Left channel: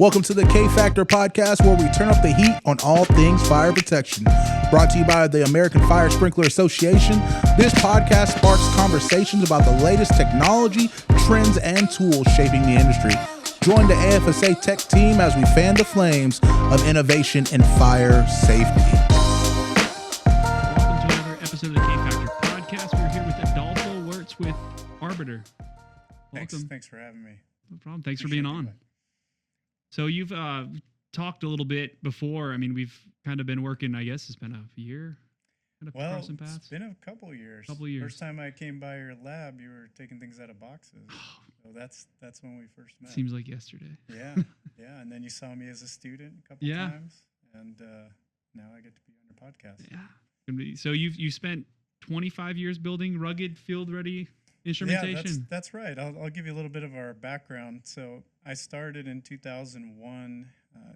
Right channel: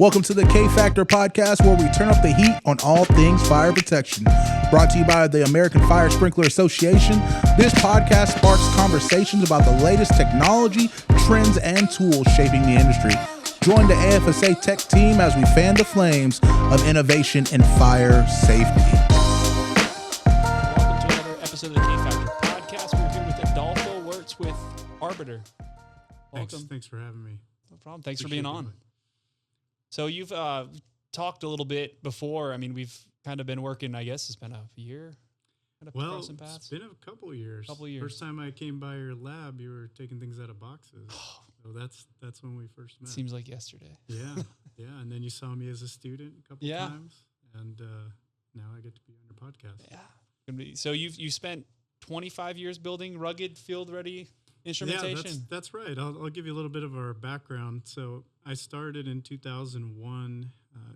Welcome to the K Factor podcast, where we turn up the heat on all things fire protection. Brought to you by the American Fire Sprinkler Association, this podcast sparks conversations about the latest technology, trends, and tools shaping the industry. Join the AFSA tech team as we fan the flames of innovation in fire safety. Welcome to another episode of the K Factor podcast. We're here with Adolfo Wurts with Arbiter. Welcome. Thanks for having me. No problem. Thanks for being on. So you've talked a little bit before. I mean, we've kind of been working, I guess it's been a year. Well, it's been a couple years. First time I came by your lab, you were taking things out of boxes. So that's when we first met. Seems like yesterday. Yeah, yeah. And then you saw me as a student a couple times, and now I get to be on your podcast. Yeah. So you spent 25 years building rugged, field-ready instrumentation. Yeah, that's right. I'll give you a little bit of our background. So I started in 2001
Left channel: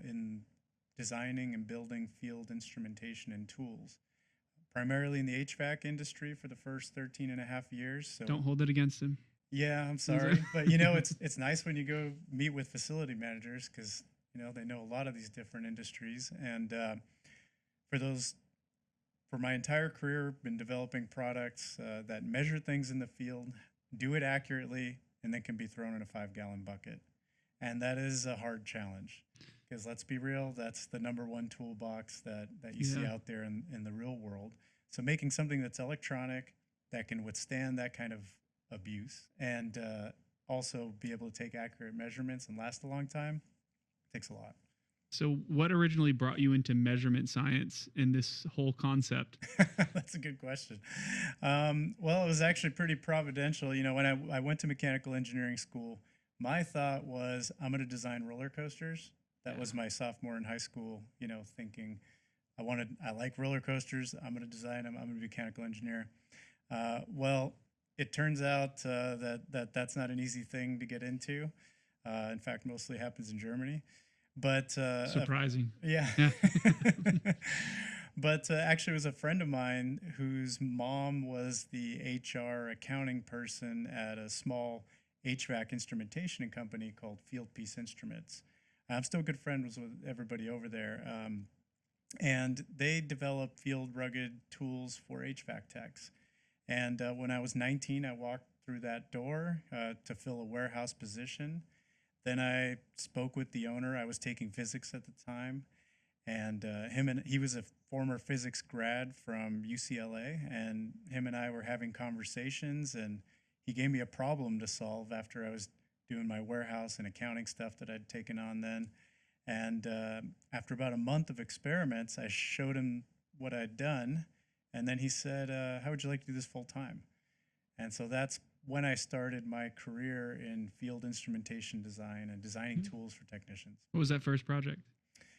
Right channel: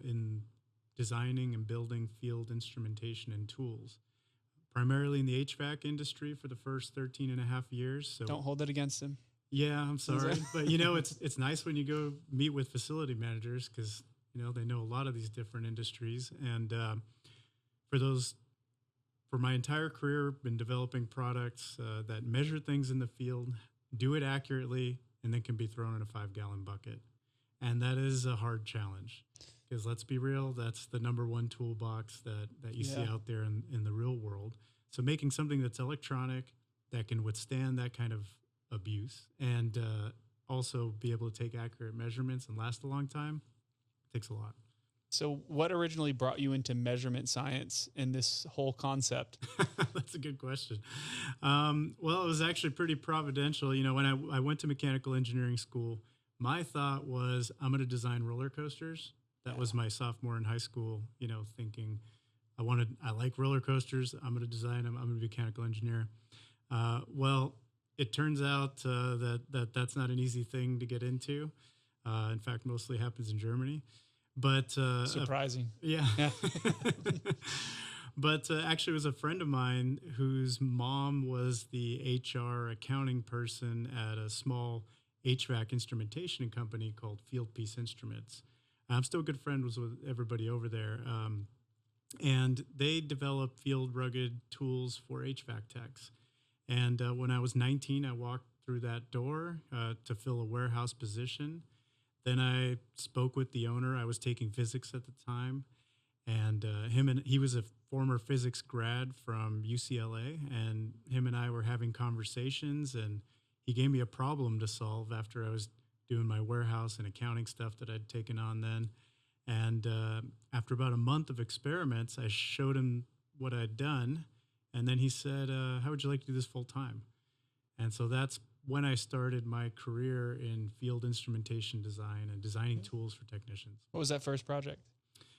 in designing and building field instrumentation and tools, primarily in the HVAC industry for the first 13 and a half years. So don't hold it against him. Yeah, I'm sorry. But, it's nice when you go meet with facility managers because, they know a lot of these different industries. And for my entire career, been developing products that measure things in the field, do it accurately, and then can be thrown in a 5-gallon bucket. And that is a hard challenge because let's be real, that's the number one toolbox that you see out there in the real world. So making something that's electronic, that can withstand that kind of abuse, and also be able to take accurate measurements and last a long time, takes a lot. So what originally brought you into measurement science and this whole concept? That's a good question. Well, it was actually pretty providential. When I went to mechanical engineering school, my thought was I'm going to design roller coasters. That was my sophomore in high school, thinking I like roller coasters. I'm going to design them. I'm going to be a mechanical engineer. Well, it turns out that's not an easy thing to get into. In fact, mostly happens in Germany. But surprising. Yeah. But actually, it was a friend of mine whose mom was the HR accounting person at a small HVAC instrumentation company called Field Piece Instruments. I'm still good friends with everybody over there. And they developed field rugged tools for HVAC techs. And when I was 19, I walked through that door to fill a warehouse position. Then I spoke with the owner. I was taking physics at the time, and he was a former physics grad from UCLA, and him and I were having conversations, and he gave me a problem to solve after I was doing my warehouse and accounting stuff that I'd taken on then. And after about a month of experiments, I showed him what I'd done, and then he said, how would you like to do this full time? And so that's when I started my career in field instrumentation design and designing tools for technicians. What was that first project?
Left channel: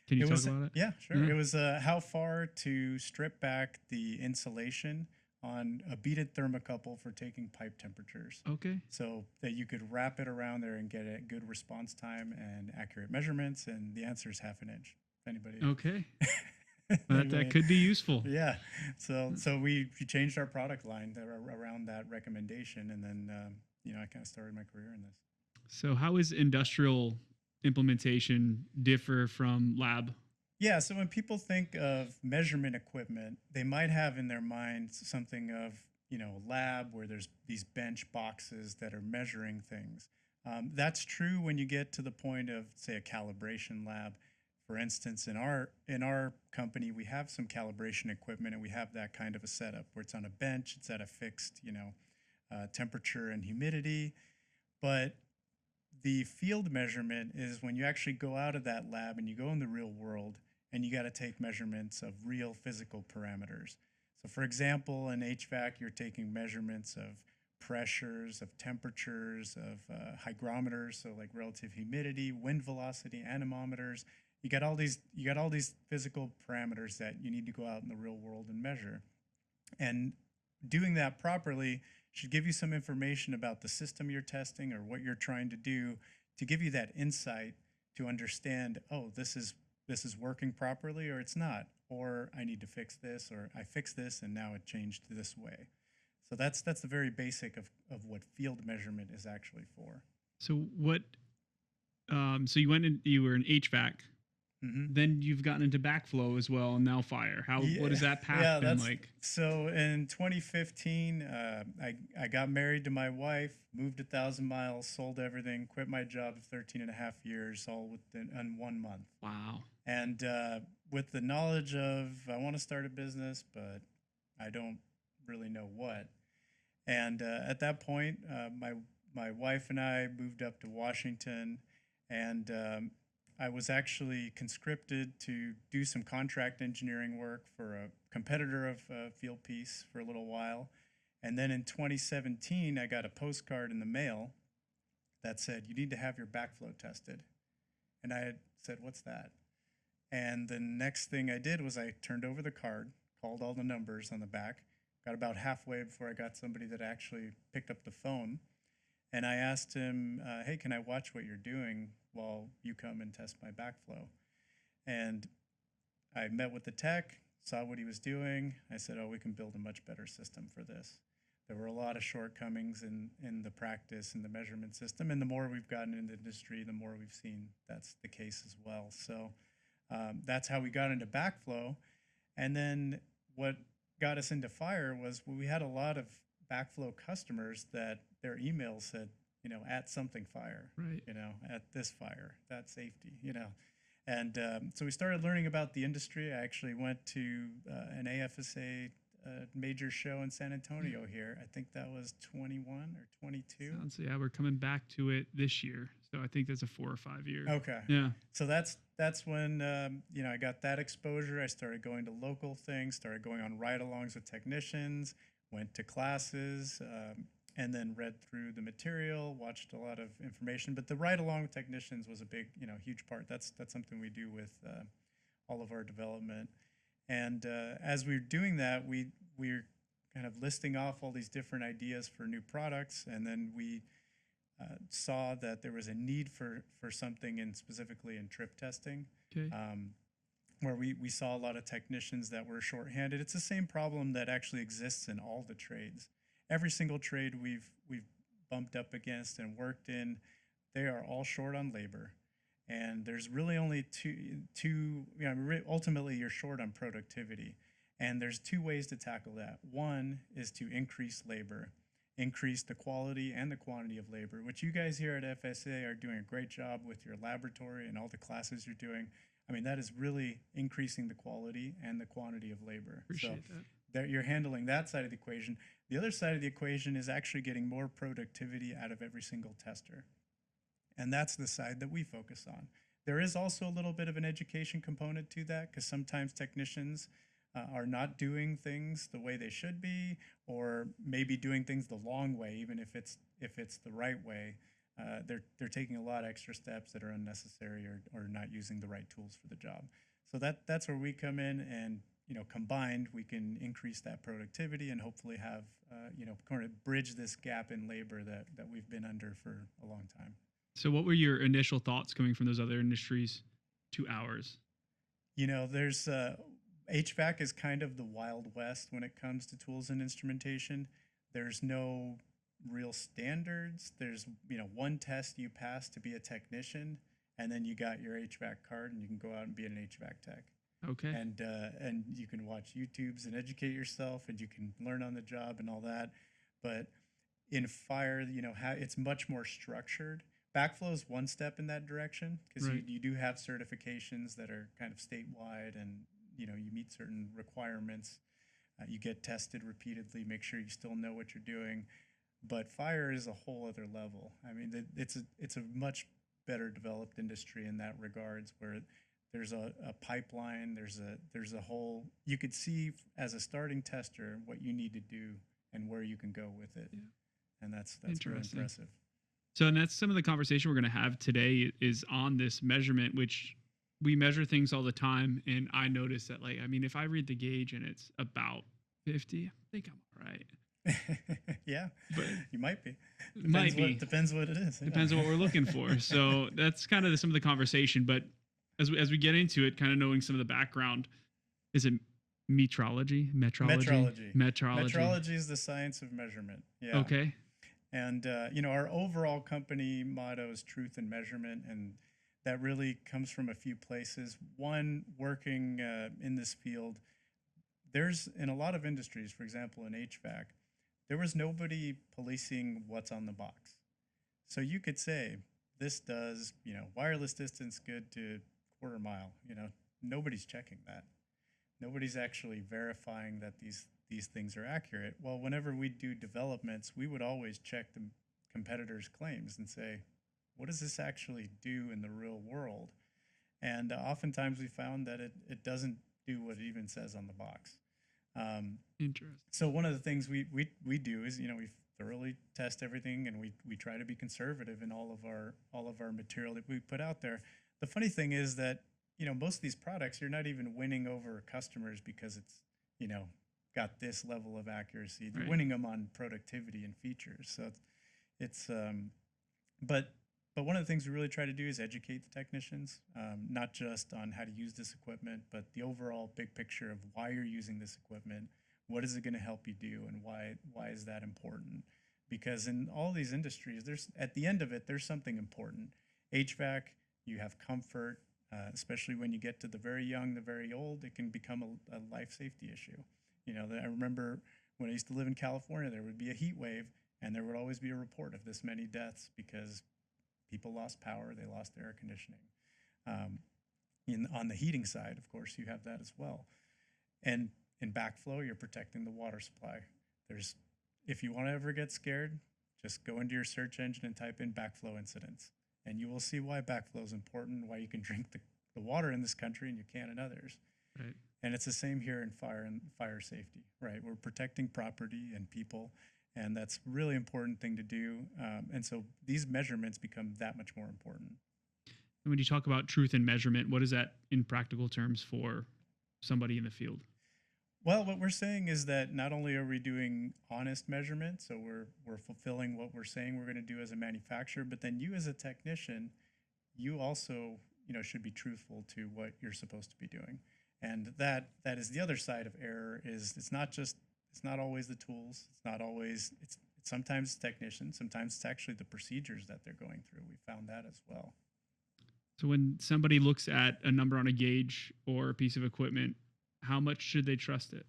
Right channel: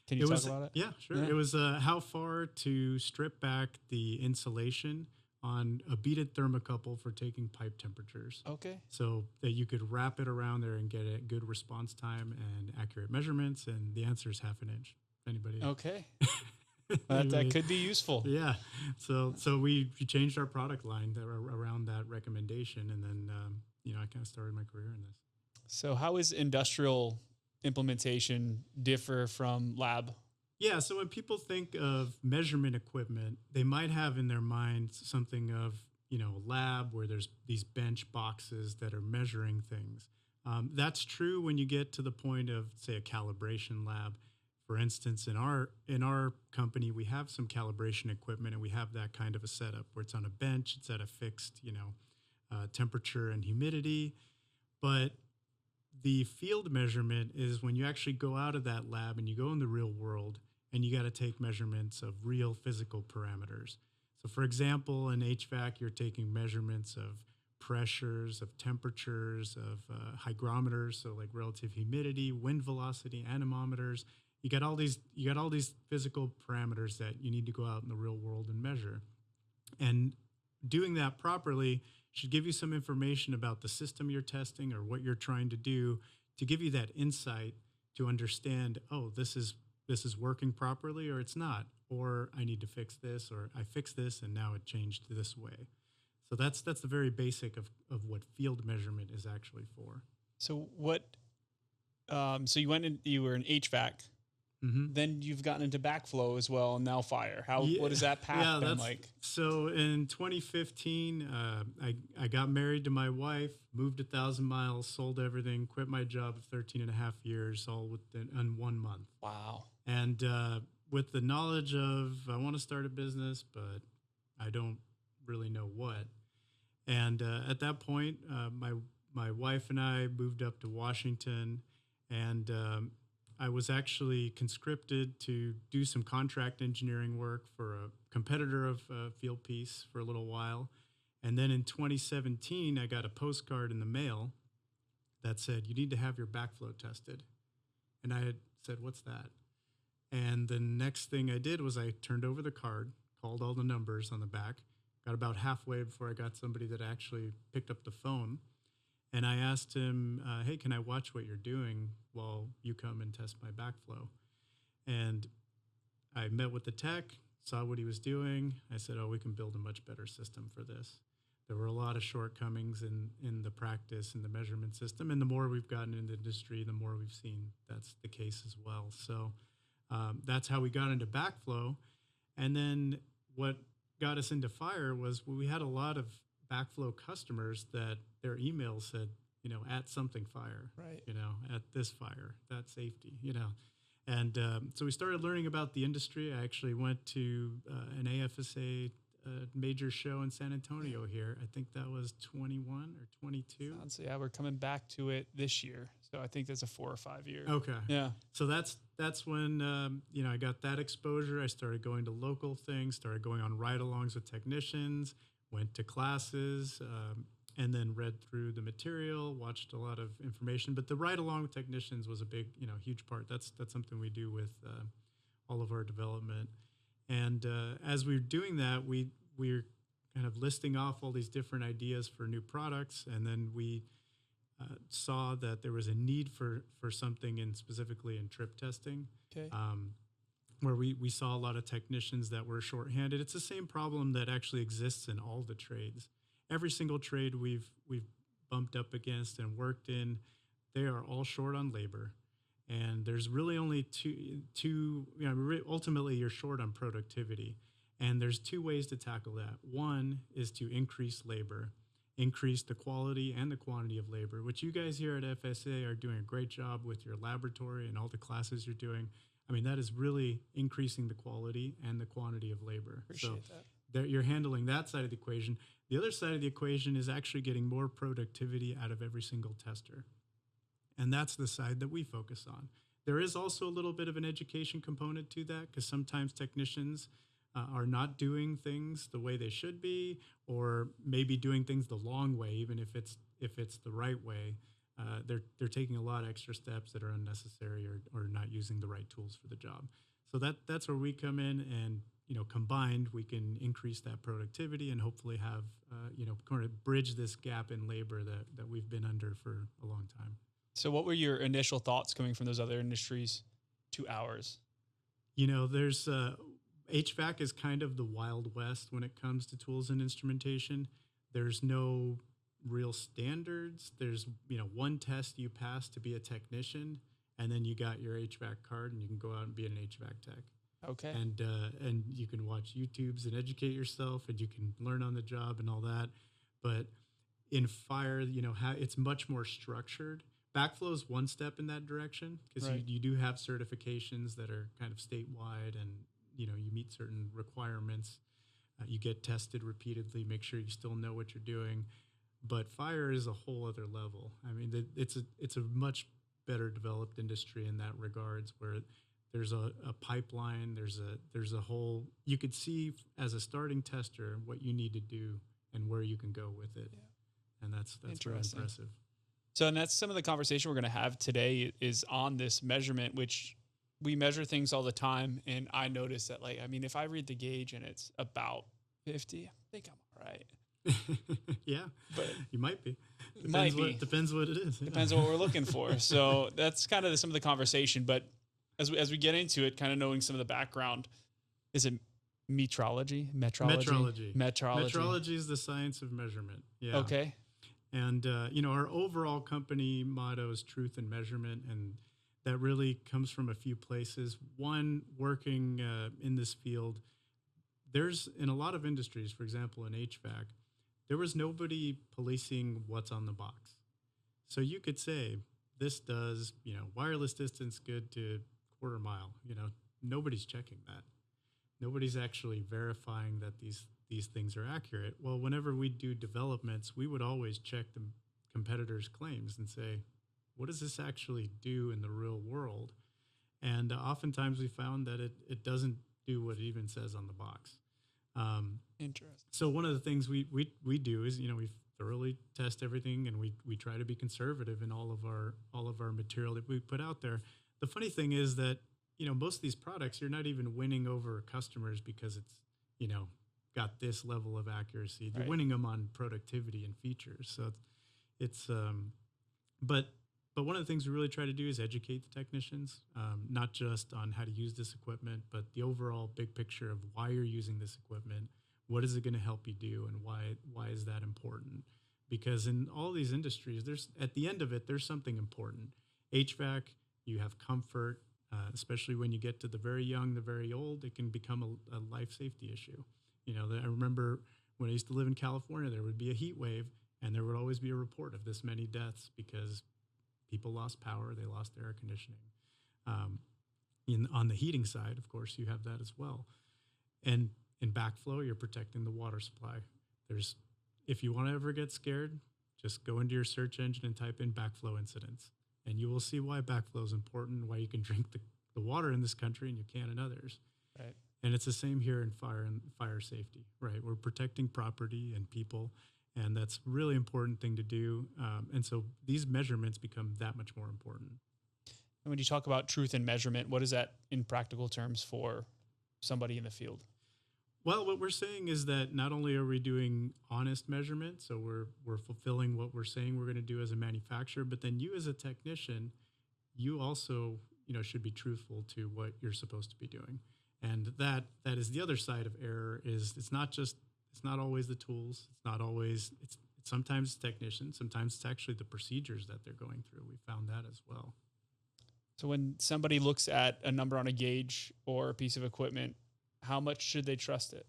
Can you talk about it? Yeah, sure. Yeah. It was how far to strip back the insulation on a beaded thermocouple for taking pipe temperatures. Okay. So that you could wrap it around there and get a good response time and accurate measurements. And the answer is half an inch. Anybody? Okay. That could be useful. Yeah. So we changed our product line around that recommendation. And then, I kind of started my career in this. So how is industrial implementation differ from lab? Yeah. So when people think of measurement equipment, they might have in their mind something of, a lab where there's these bench boxes that are measuring things. That's true when you get to the point of, say, a calibration lab. For instance, in our company, we have some calibration equipment, and we have that kind of a setup where it's on a bench, it's at a fixed, temperature and humidity. But the field measurement is when you actually go out of that lab and you go in the real world, and you got to take measurements of real physical parameters. So, for example, in HVAC, you're taking measurements of pressures, of temperatures, of hygrometers, so like relative humidity, wind velocity, anemometers. You got all these physical parameters that you need to go out in the real world and measure. And doing that properly should give you some information about the system you're testing or what you're trying to do to give you that insight to understand, this is working properly or it's not, or I need to fix this, or I fixed this and now it changed this way. So that's the very basic of what field measurement is actually for. So what So you went in, you were in HVAC. Mm-hmm. Then you've gotten into backflow as well, and now fire. What has that path been like? So in 2015, I got married to my wife, moved 1,000 miles, sold everything, quit my job of 13 and a half years, all within 1 month. Wow. And with the knowledge of I want to start a business, but I don't really know what. And at that point, my wife and I moved up to Washington, and I was actually conscripted to do some contract engineering work for a competitor of Field Piece for a little while. And then in 2017, I got a postcard in the mail that said, "You need to have your backflow tested." And I had said, "What's that?" And the next thing I did was I turned over the card, called all the numbers on the back, got about halfway before I got somebody that actually picked up the phone. And I asked him, "Hey, can I watch what you're doing while you come and test my backflow?" And I met with the tech, saw what he was doing. I said, "Oh, we can build a much better system for this." There were a lot of shortcomings in the practice and the measurement system. And the more we've gotten into the industry, the more we've seen that's the case as well. So that's how we got into backflow. And then what got us into fire was we had a lot of backflow customers that their emails said, at something fire, right? At this fire, that safety, And so we started learning about the industry. I actually went to an AFSA major show in San Antonio here. I think that was 21 or 22. Yeah, we're coming back to it this year. So I think that's a 4 or 5 year. Okay. Yeah. So that's when, I got that exposure. I started going to local things, started going on ride-alongs with technicians, went to classes, and then read through the material, watched a lot of information. But the ride-along with technicians was a big, huge part. That's something we do with all of our development. And as we were doing that, we were kind of listing off all these different ideas for new products. And then we saw that there was a need for something specifically in trip testing. Okay. Where we saw a lot of technicians that were shorthanded. It's the same problem that actually exists in all the trades. Every single trade we've bumped up against and worked in, they are all short on labor. And there's really only two ultimately you're short on productivity. And there's two ways to tackle that. One is to increase labor, increase the quality and the quantity of labor, which you guys here at FSA are doing a great job with your laboratory and all the classes you're doing. I mean, that is really increasing the quality and the quantity of labor. Appreciate that. You're handling that side of the equation. The other side of the equation is actually getting more productivity out of every single tester. And that's the side that we focus on. There is also a little bit of an education component to that, because sometimes technicians are not doing things the way they should be, or maybe doing things the long way, even if it's the right way. They're taking a lot of extra steps that are unnecessary or not using the right tools for the job. So that's where we come in, and combined we can increase that productivity and hopefully have kind of bridge this gap in labor that we've been under for a long time. So what were your initial thoughts coming from those other industries to ours? There's HVAC is kind of the Wild West when it comes to tools and instrumentation. There's no real standards. There's one test you pass to be a technician, and then you got your HVAC card and you can go out and be an HVAC tech. Okay. And you can watch YouTubes and educate yourself, and you can learn on the job and all that. But in fire, it's much more structured. Backflow is one step in that direction, because right. you do have certifications that are kind of statewide, and you meet certain requirements. You get tested repeatedly, make sure you still know what you're doing. But fire is a whole other level. I mean, it's a much better developed industry in that regards, where there's a pipeline, there's a whole, you could see as a starting tester what you need to do and where you can go with it. Yeah. And that's very impressive. So, and that's some of the conversation we're going to have today is on this measurement, which we measure things all the time. And I notice that, if I read the gauge and it's about 50, I think I'm all right. Yeah, but you might be. Depends what it is. Depends on what we're looking for. So that's kind of some of the conversation. But as we get into it, kind of knowing some of the background, is it metrology? Metrology is the science of measurement. Yeah. Okay. And, our overall company motto is truth and measurement. And that really comes from a few places. One, working in this field, there's in a lot of industries, for example, in HVAC, there was nobody policing what's on the box. So you could say, this does, wireless distance good to quarter mile. Nobody's checking that. Nobody's actually verifying that these things are accurate. Well, whenever we do developments, we would always check the competitors' claims and say, what does this actually do in the real world? And oftentimes we found that it doesn't do what it even says on the box. Interesting. So one of the things we do is, we thoroughly test everything, and we try to be conservative in all of our material that we put out there. The funny thing is that, most of these products, you're not even winning over customers because it's, got this level of accuracy. You're winning them on productivity and features. So it's but one of the things we really try to do is educate the technicians, not just on how to use this equipment, but the overall big picture of why you're using this equipment. What is it going to help you do, and why is that important? Because in all these industries, there's at the end of it, there's something important. HVAC, you have comfort, especially when you get to the very young, the very old, it can become a life safety issue. I remember when I used to live in California, there would be a heat wave, and there would always be a report of this many deaths because people lost power, they lost air conditioning. On the heating side, of course, you have that as well. And in backflow, you're protecting the water supply. If you want to ever get scared, just go into your search engine and type in backflow incidents, and you will see why backflow is important, why you can drink the water in this country and you can in others. Right. And it's the same here in fire safety, right? We're protecting property and people, and that's a really important thing to do. And so these measurements become that much more important. And when you talk about truth and measurement, what is that in practical terms for somebody in the field? Well, what we're saying is that not only are we doing honest measurement, so we're fulfilling what we're saying we're going to do as a manufacturer, but then you as a technician, you also should be truthful to what you're supposed to be doing. And that is the other side of error. Is it's not always the tools. It's not always it's sometimes technicians. Sometimes it's actually the procedures that they're going through. We found that as well. So when somebody looks at a number on a gauge or a piece of equipment, how much should they trust it?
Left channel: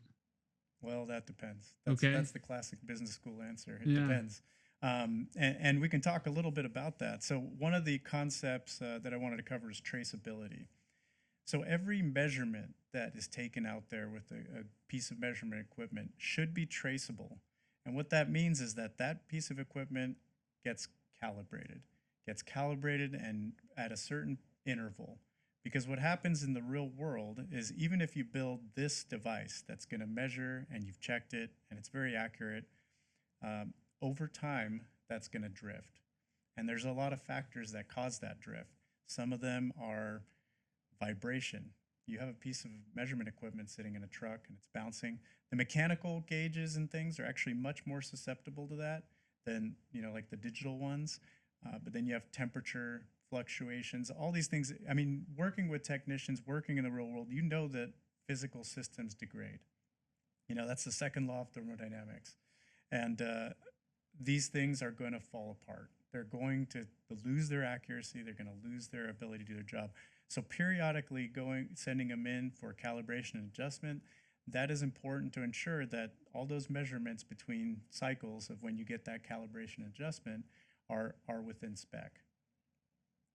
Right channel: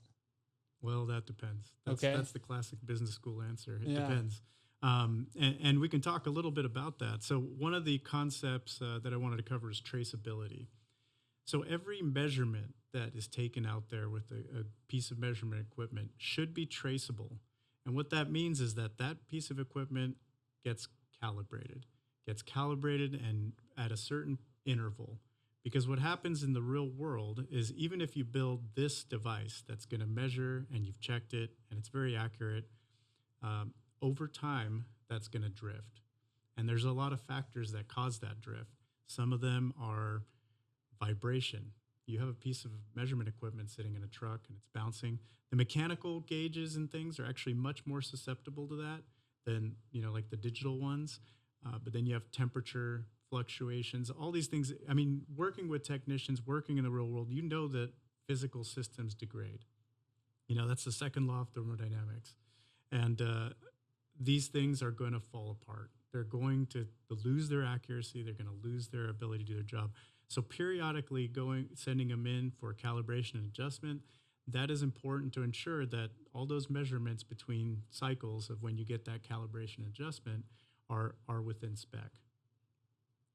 Well, that depends. That's the classic business school answer. It depends. And we can talk a little bit about that. So one of the concepts that I wanted to cover is traceability. So every measurement that is taken out there with a piece of measurement equipment should be traceable. And what that means is that piece of equipment gets calibrated and at a certain interval. Because what happens in the real world is even if you build this device that's going to measure and you've checked it and it's very accurate, over time, that's going to drift. And there's a lot of factors that cause that drift. Some of them are vibration. You have a piece of measurement equipment sitting in a truck and it's bouncing. The mechanical gauges and things are actually much more susceptible to that than, like the digital ones. But then you have temperature fluctuations, all these things. I mean, working with technicians, working in the real world, that physical systems degrade. That's the second law of thermodynamics. And these things are going to fall apart. They're going to lose their accuracy. They're going to lose their ability to do their job. So periodically sending them in for calibration and adjustment, that is important to ensure that all those measurements between cycles of when you get that calibration and adjustment are within spec.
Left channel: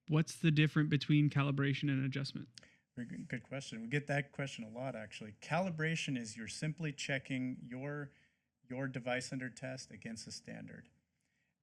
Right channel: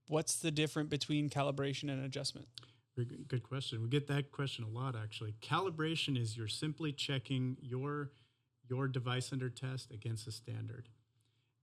What's the difference between calibration and adjustment? Very good question. We get that question a lot, actually. Calibration is you're simply checking your device under test against a standard.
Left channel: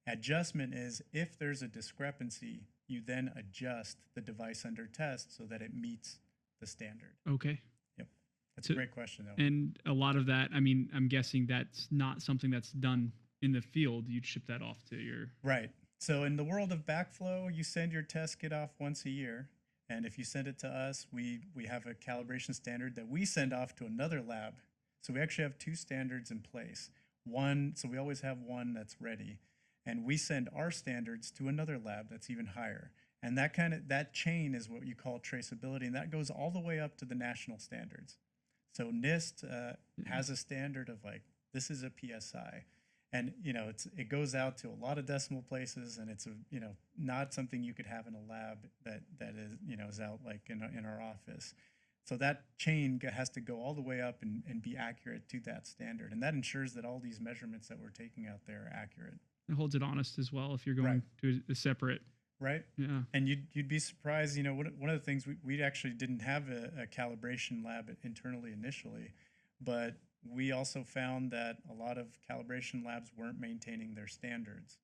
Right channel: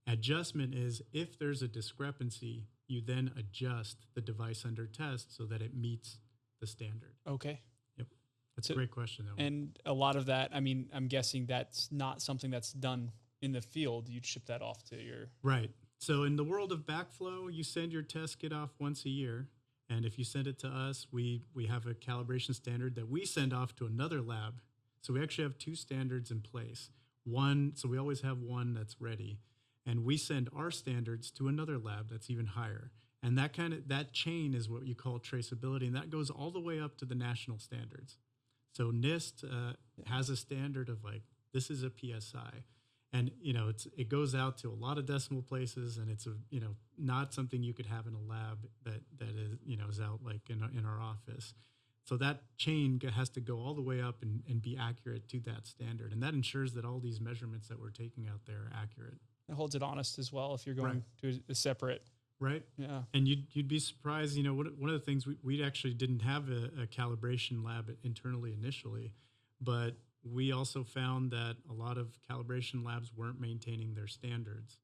Adjustment is if there's a discrepancy, you then adjust the device under test so that it meets the standard. Okay. Yep. That's a great question, though. And a lot of that, I mean, I'm guessing that's not something that's done in the field. You'd ship that off to your... Right. So in the world of backflow, you send your test kit off once a year. And if you send it to us, we have a calibration standard that we send off to another lab. So we actually have two standards in place. So we always have one that's ready. And we send our standards to another lab that's even higher. And that chain is what you call traceability. And that goes all the way up to the national standards. So NIST has a standard of this is a PSI. And it goes out to a lot of decimal places, and it's not something you could have in a lab that is is out like in our office. So that chain has to go all the way up and be accurate to that standard, and that ensures that all these measurements that we're taking out there are accurate. It holds it honest as well if you're going to a separate. Right. Yeah. And you'd be surprised. One of the things we actually didn't have a calibration lab internally initially, but we also found that a lot of calibration labs weren't maintaining their standards.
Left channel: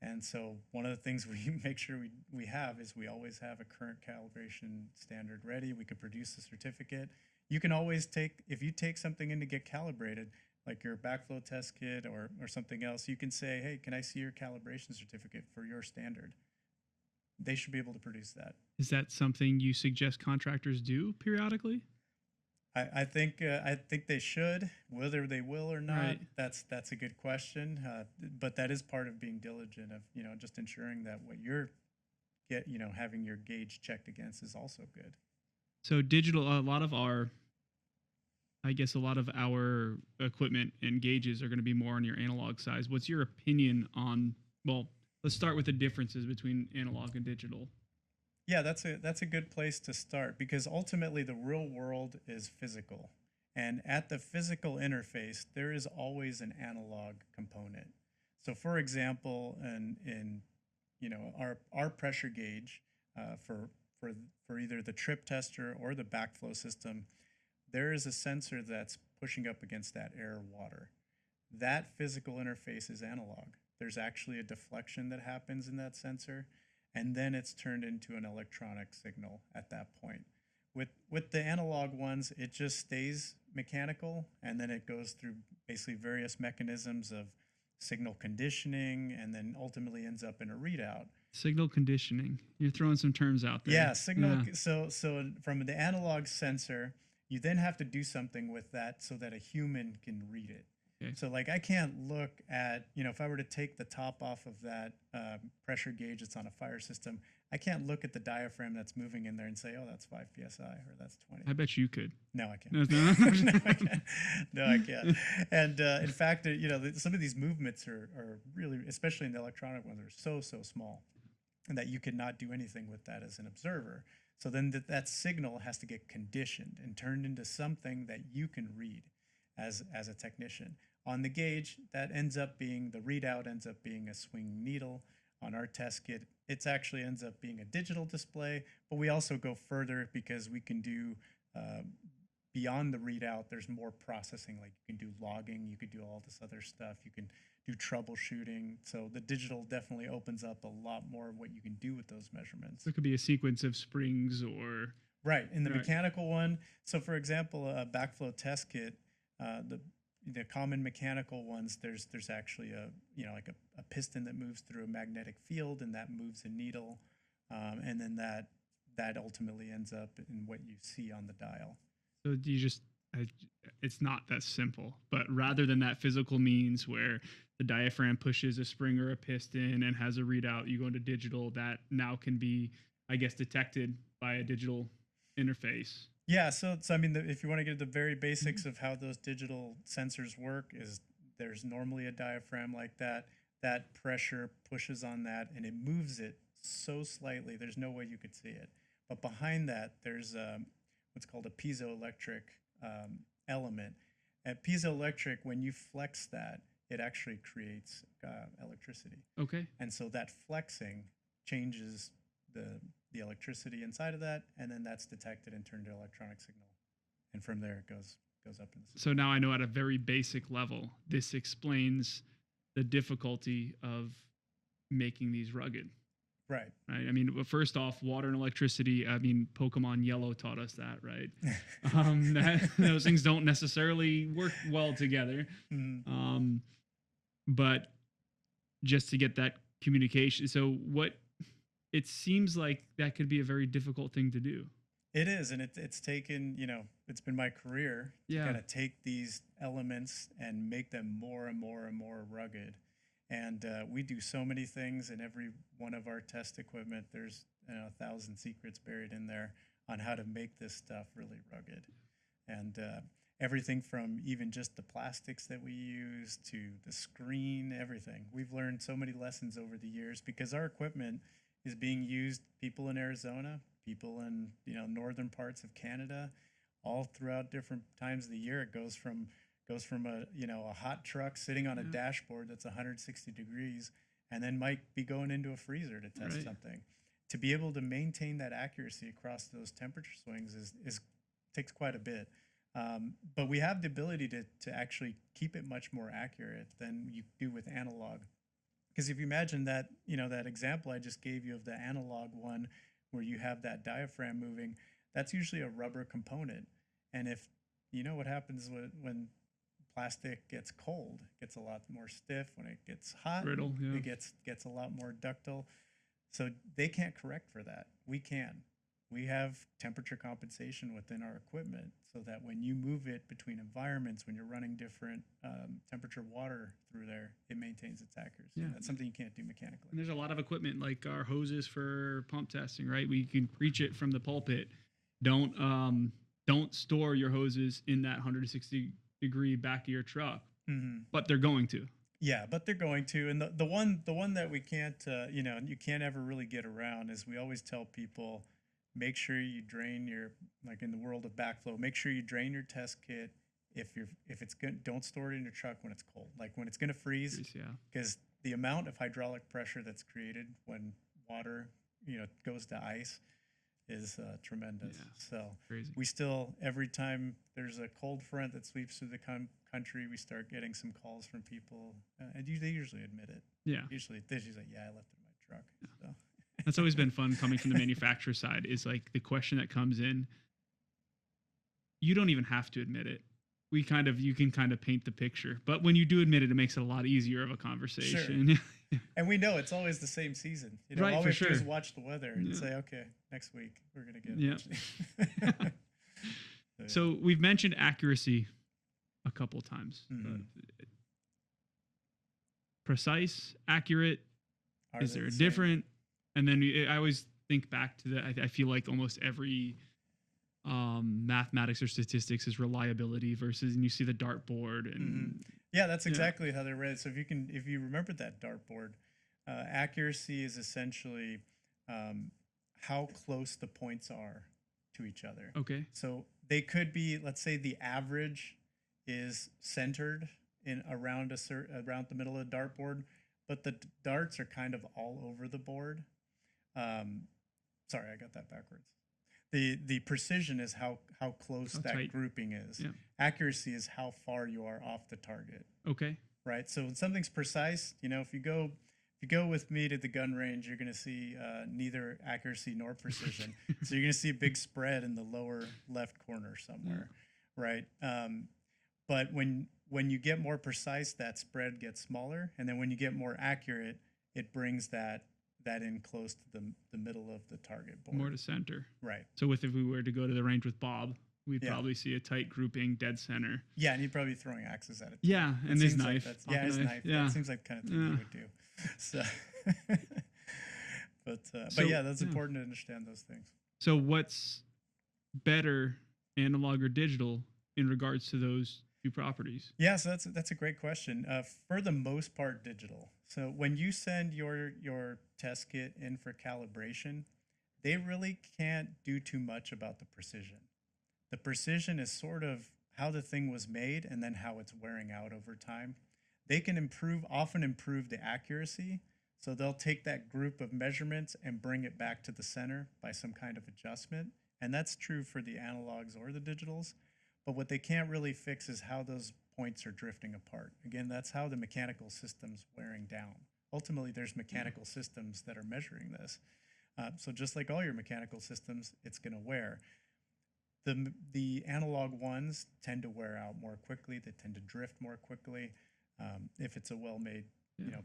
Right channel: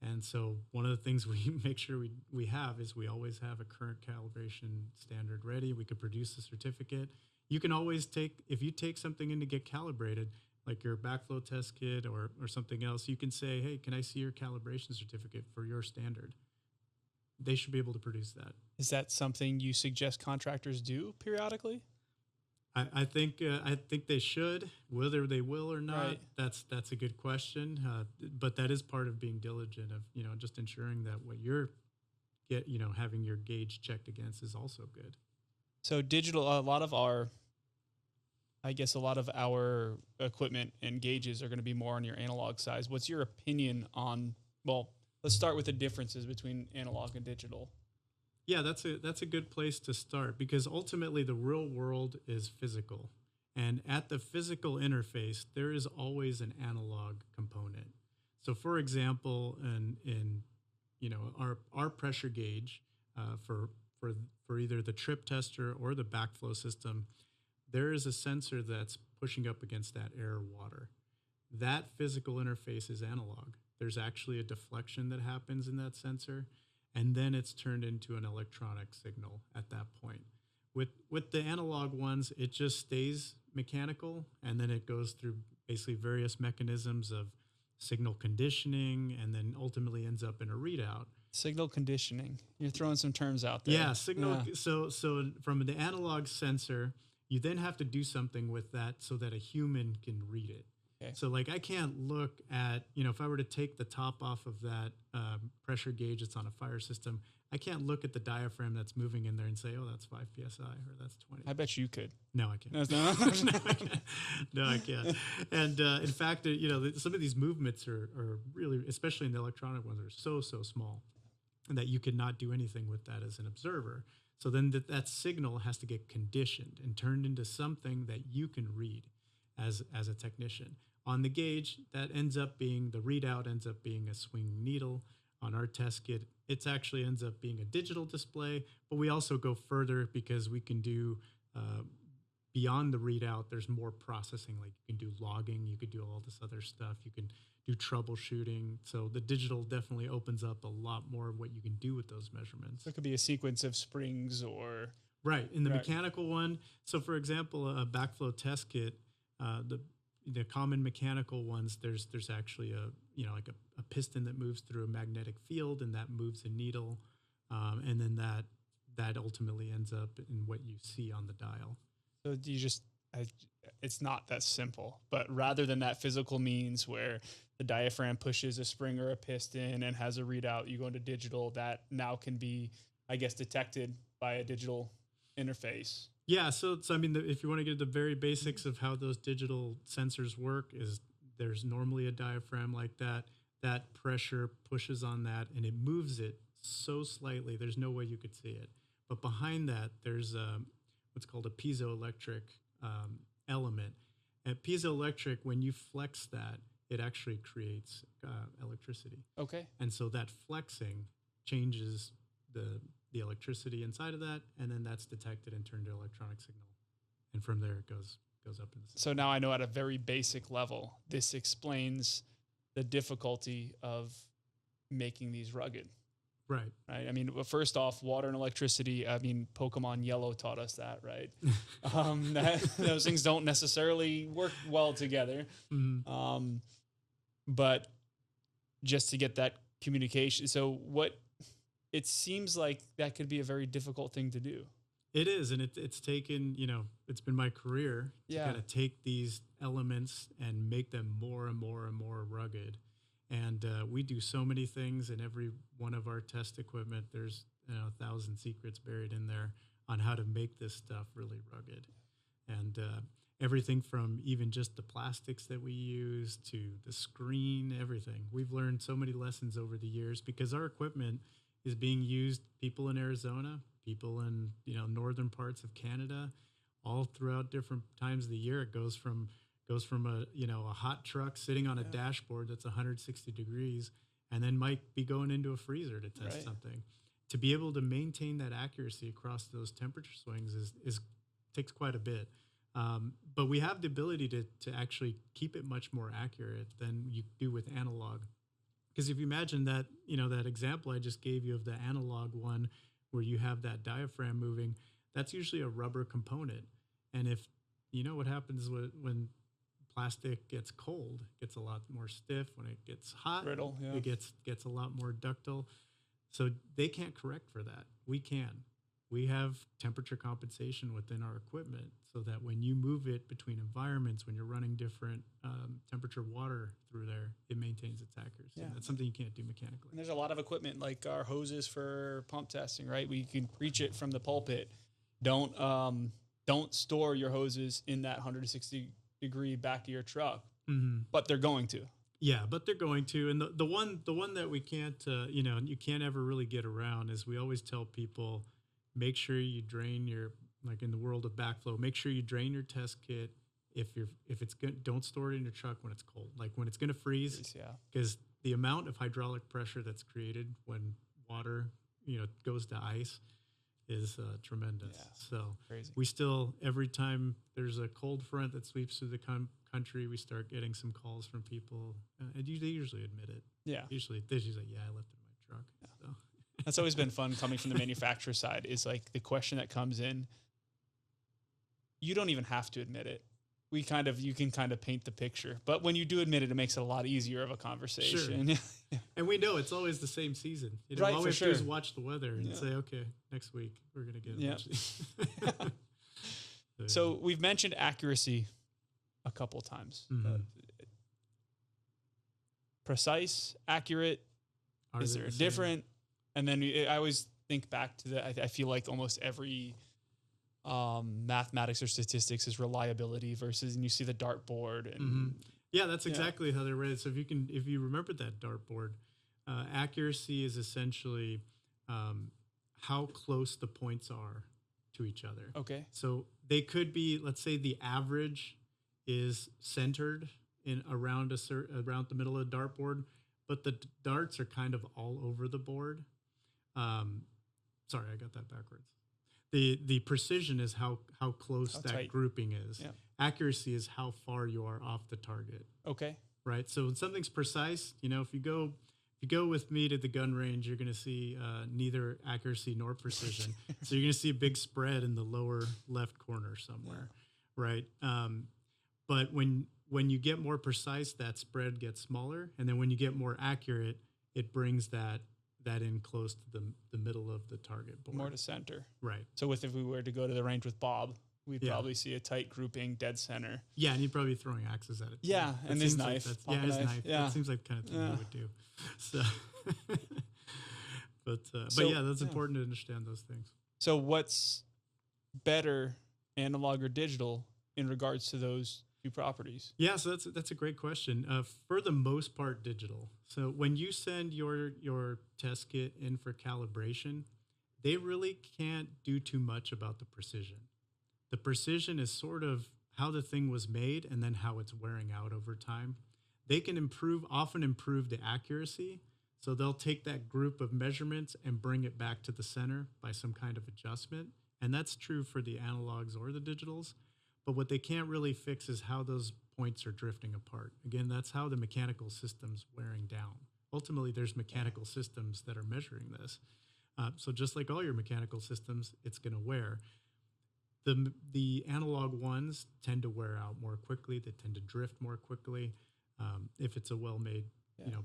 And so one of the things we make sure we have is we always have a current calibration standard ready. We could produce a certificate. You can always if you take something in to get calibrated, like your backflow test kit or something else, you can say, hey, can I see your calibration certificate for your standard? They should be able to produce that. Is that something you suggest contractors do periodically? I think they should. Whether they will or not, that's a good question. But that is part of being diligent of just ensuring that what you're having your gauge checked against is also good. So digital, a lot of our equipment and gauges are going to be more on your analog size. What's your opinion on? Well, let's start with the differences between analog and digital. Yeah, that's a good place to start, because ultimately the real world is physical. And at the physical interface, there is always an analog component. So for example, in our pressure gauge for either the trip tester or the backflow system, there is a sensor that's pushing up against that air water. That physical interface is analog. There's actually a deflection that happens in that sensor, and then it's turned into an electronic signal at that point. With the analog ones, it just stays mechanical, and then it goes through basically various mechanisms of signal conditioning, and then ultimately ends up in a readout. Signal conditioning. You're throwing some terms out there. Yeah, signal. Yeah. So from the analog sensor, you then have to do something with that so that a human can read it. Okay. So like I can't look at, if I were to take the top off of that pressure gauge that's on a fire system, I can't look at the diaphragm that's moving in there and say, oh, that's 5 PSI or that's 20. I bet you could. No, I can't. No. No, I can't. No, I can't. And in fact, some of these movements are really, especially in the electronic ones, are so small, and that you could not do anything with that as an observer. So then that signal has to get conditioned and turned into something that you can read as a technician. On the gauge, that ends up being, the readout ends up being a swing needle. On our test kit, it actually ends up being a digital display, but we also go further because we can do, beyond the readout, there's more processing. Like you can do logging, you could do all this other stuff. You can do troubleshooting. So the digital definitely opens up a lot more of what you can do with those measurements. So it could be a sequence of springs or... Right. In the mechanical one, so for example, a backflow test kit, the common mechanical ones, there's actually a piston that moves through a magnetic field, and that moves a needle, and then that ultimately ends up in what you see on the dial. So it's not that simple, but rather than that physical means where the diaphragm pushes a spring or a piston and has a readout, you go into digital, that now can be, I guess, detected by a digital interface. Yeah, so I mean, if you want to get to the very basics of how those digital sensors work, is there's normally a diaphragm like that. That pressure pushes on that, and it moves it so slightly, there's no way you could see it. But behind that, there's what's called a piezoelectric element. At piezoelectric, when you flex that, it actually creates electricity. Okay. And so that flexing changes the electricity inside of that, and then that's detected and turned to electronic signal. And from there, it goes up in the system. So now I know at a very basic level, this explains the difficulty of making these rugged. Right. I mean, first off, water and electricity, I mean, Pokemon Yellow taught us that, right? Those things don't necessarily work well together. Mm-hmm. But just to get that communication. So it seems like that could be a very difficult thing to do. It is. And it's taken, it's been my career to kind of take these elements and make them more and more and more rugged. And we do so many things in every one of our test equipment. There's 1,000 secrets buried in there on how to make this stuff really rugged. And everything from even just the plastics that we use to the screen, everything. We've learned so many lessons over the years because our equipment is being used, people in Arizona, people in, northern parts of Canada, all throughout different times of the year. It goes from a hot truck sitting on a dashboard that's 160 degrees and then might be going into a freezer to test something. To be able to maintain that accuracy across those temperature swings is takes quite a bit. But we have the ability to actually keep it much more accurate than you do with analog. Because if you imagine that, that example I just gave you of the analog one where you have that diaphragm moving, that's usually a rubber component. And if what happens when plastic gets cold, it gets a lot more stiff. When it gets hot, brittle, it gets a lot more ductile. So they can't correct for that. We can. We have temperature compensation within our equipment so that when you move it between environments, when you're running different temperature water through there, it maintains its accuracy. Yeah. That's something you can't do mechanically. And there's a lot of equipment like our hoses for pump testing, right? We can preach it from the pulpit. Don't store your hoses in that 160 degree back of your truck, but they're going to. Yeah, but they're going to. And the one that we can't, you can't ever really get around is we always tell people, make sure you drain your, like in the world of backflow, make sure you drain your test kit. If it's good, don't store it in your truck when it's cold. Like when it's going to freeze, because the amount of hydraulic pressure that's created when water, goes to ice is tremendous. Yeah, so crazy. We still, every time there's a cold front that sweeps through the country, we start getting some calls from people, and they usually admit it. Yeah, usually they say, "Yeah, I left it in my truck." Yeah. So. That's always been fun coming from the manufacturer side. Is like the question that comes in. You don't even have to admit it. You can kind of paint the picture, but when you do admit it, it makes it a lot easier of a conversation. Sure. And we know it's always the same season. Right, all we for sure. Do is watch the weather and say, okay, next week we're going to get So we've mentioned accuracy a couple times. Precise, accurate, is there a different? And then I always think back to I feel like almost every mathematics or statistics is reliability versus, and you see the dartboard and yeah, that's exactly how they're read. So if you remember that dartboard, accuracy is essentially how close the points are to each other. Okay. So they could be, let's say the average is centered in around the middle of the dartboard, but the darts are kind of all over the board. Sorry, I got that backwards. The precision is how close that tight. Grouping is. Yeah. Accuracy is how far you are off the target. Okay. Right. So when something's precise, if you go with me to the gun range, you're going to see neither accuracy nor precision. So you're going to see a big spread in the lower left corner somewhere. Yeah. Right. But when you get more precise, that spread gets smaller, and then when you get more accurate, it brings that in close to the middle of the target board. More to center. Right. So if we were to go to the range with Bob, we'd probably see a tight grouping dead center. Yeah, and he'd probably be throwing axes at it. Yeah, and his knife. Like his knife. Yeah. It seems like the kind of thing he would do. So, but yeah, that's important to understand those things. So what's better, analog or digital, in regards to those two properties? Yeah, so that's a great question. For the most part, digital. So when you send your test kit in for calibration, they really can't do too much about the precision. The precision is sort of how the thing was made and then how it's wearing out over time. They can often improve the accuracy. So they'll take that group of measurements and bring it back to the center by some kind of adjustment. And that's true for the analogs or the digitals. But what they can't really fix is how those points are drifting apart. Again, that's how the mechanical system's wearing down. Ultimately, there's mechanical systems that are measuring this. So just like all your mechanical systems, it's going to wear. The analog ones tend to wear out more quickly. They tend to drift more quickly if it's a well-made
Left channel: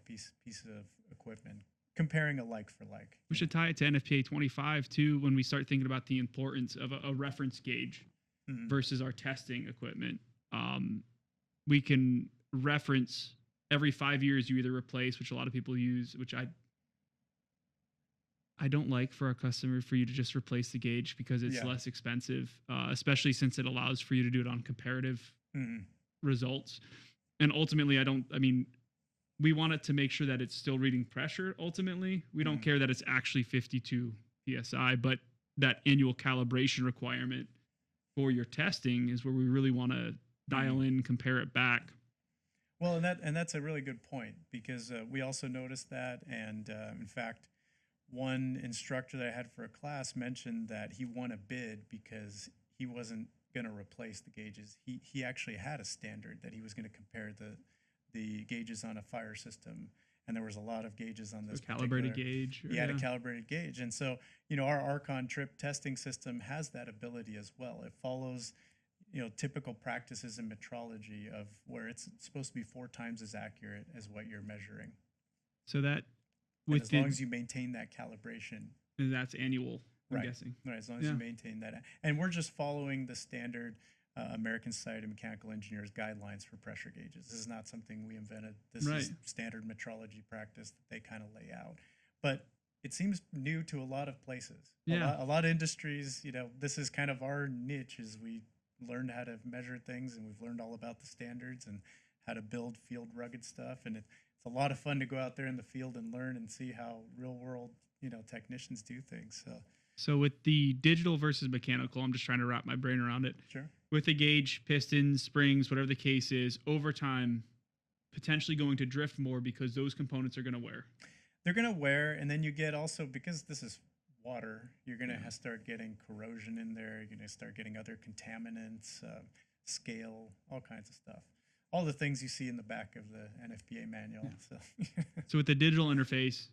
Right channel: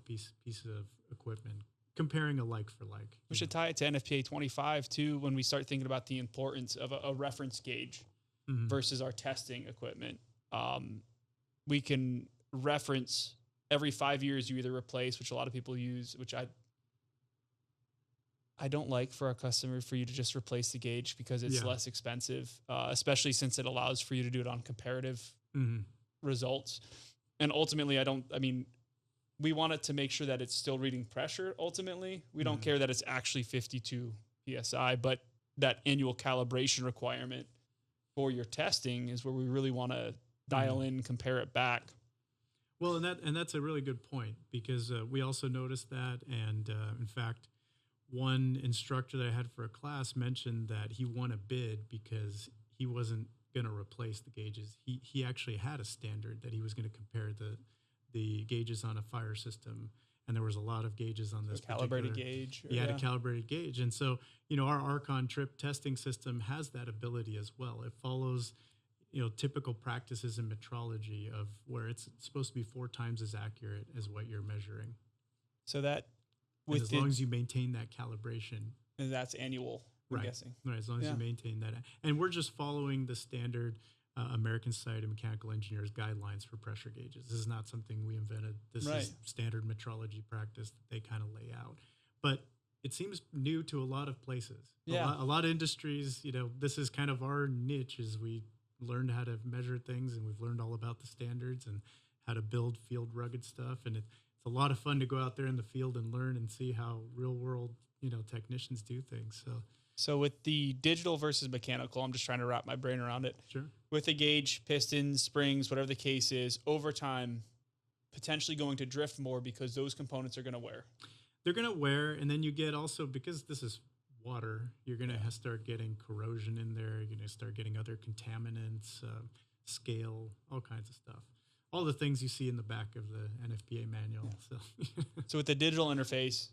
piece of equipment. Comparing a like for like. We should tie it to NFPA 25 too when we start thinking about the importance of a reference gauge versus our testing equipment. We can reference every 5 years you either replace, which a lot of people use, which I don't like for our customer for you to just replace the gauge because it's Yeah. less expensive, especially since it allows for you to do it on comparative Mm-hmm. results. And ultimately, I mean, we want it to make sure that it's still reading pressure. Ultimately, we don't Mhm. care that it's actually 52 psi, but that annual calibration requirement for your testing is where we really want to dial in, compare it back. Well, and that's a really good point because we also noticed that, and in fact, one instructor that I had for a class mentioned that he won a bid because he wasn't going to replace the gauges. He actually had a standard that he was going to compare the gauges on a fire system, and there was a lot of gauges on this Calibrated particular. gauge. He had a calibrated gauge, and so our Archon trip testing system has that ability as well. It follows typical practices in metrology of where it's supposed to be 4 times as accurate as what you're measuring. So that And as long as you maintain that calibration, and that's annual, I'm right, guessing. right, as long as you maintain that, and we're just following the standard American Society of Mechanical Engineers guidelines for pressure gauges. This is not something we invented. This is standard metrology practice that they kind of lay out. But it seems new to a lot of places. Yeah. A lot of industries, this is kind of our niche, is we learned how to measure things, and we've learned all about the standards and how to build field rugged stuff. And it's a lot of fun to go out there in the field and learn and see how real world, technicians do things. So with the digital versus mechanical, I'm just trying to wrap my brain around it. Sure. With the gauge, pistons, springs, whatever the case is, over time, potentially going to drift more because those components are going to wear. They're going to wear, and then you get also, because this is water, you're going to start getting corrosion in there. You're going to start getting other contaminants, scale, all kinds of stuff. All the things you see in the back of the NFPA manual. Yeah. So with the digital interface,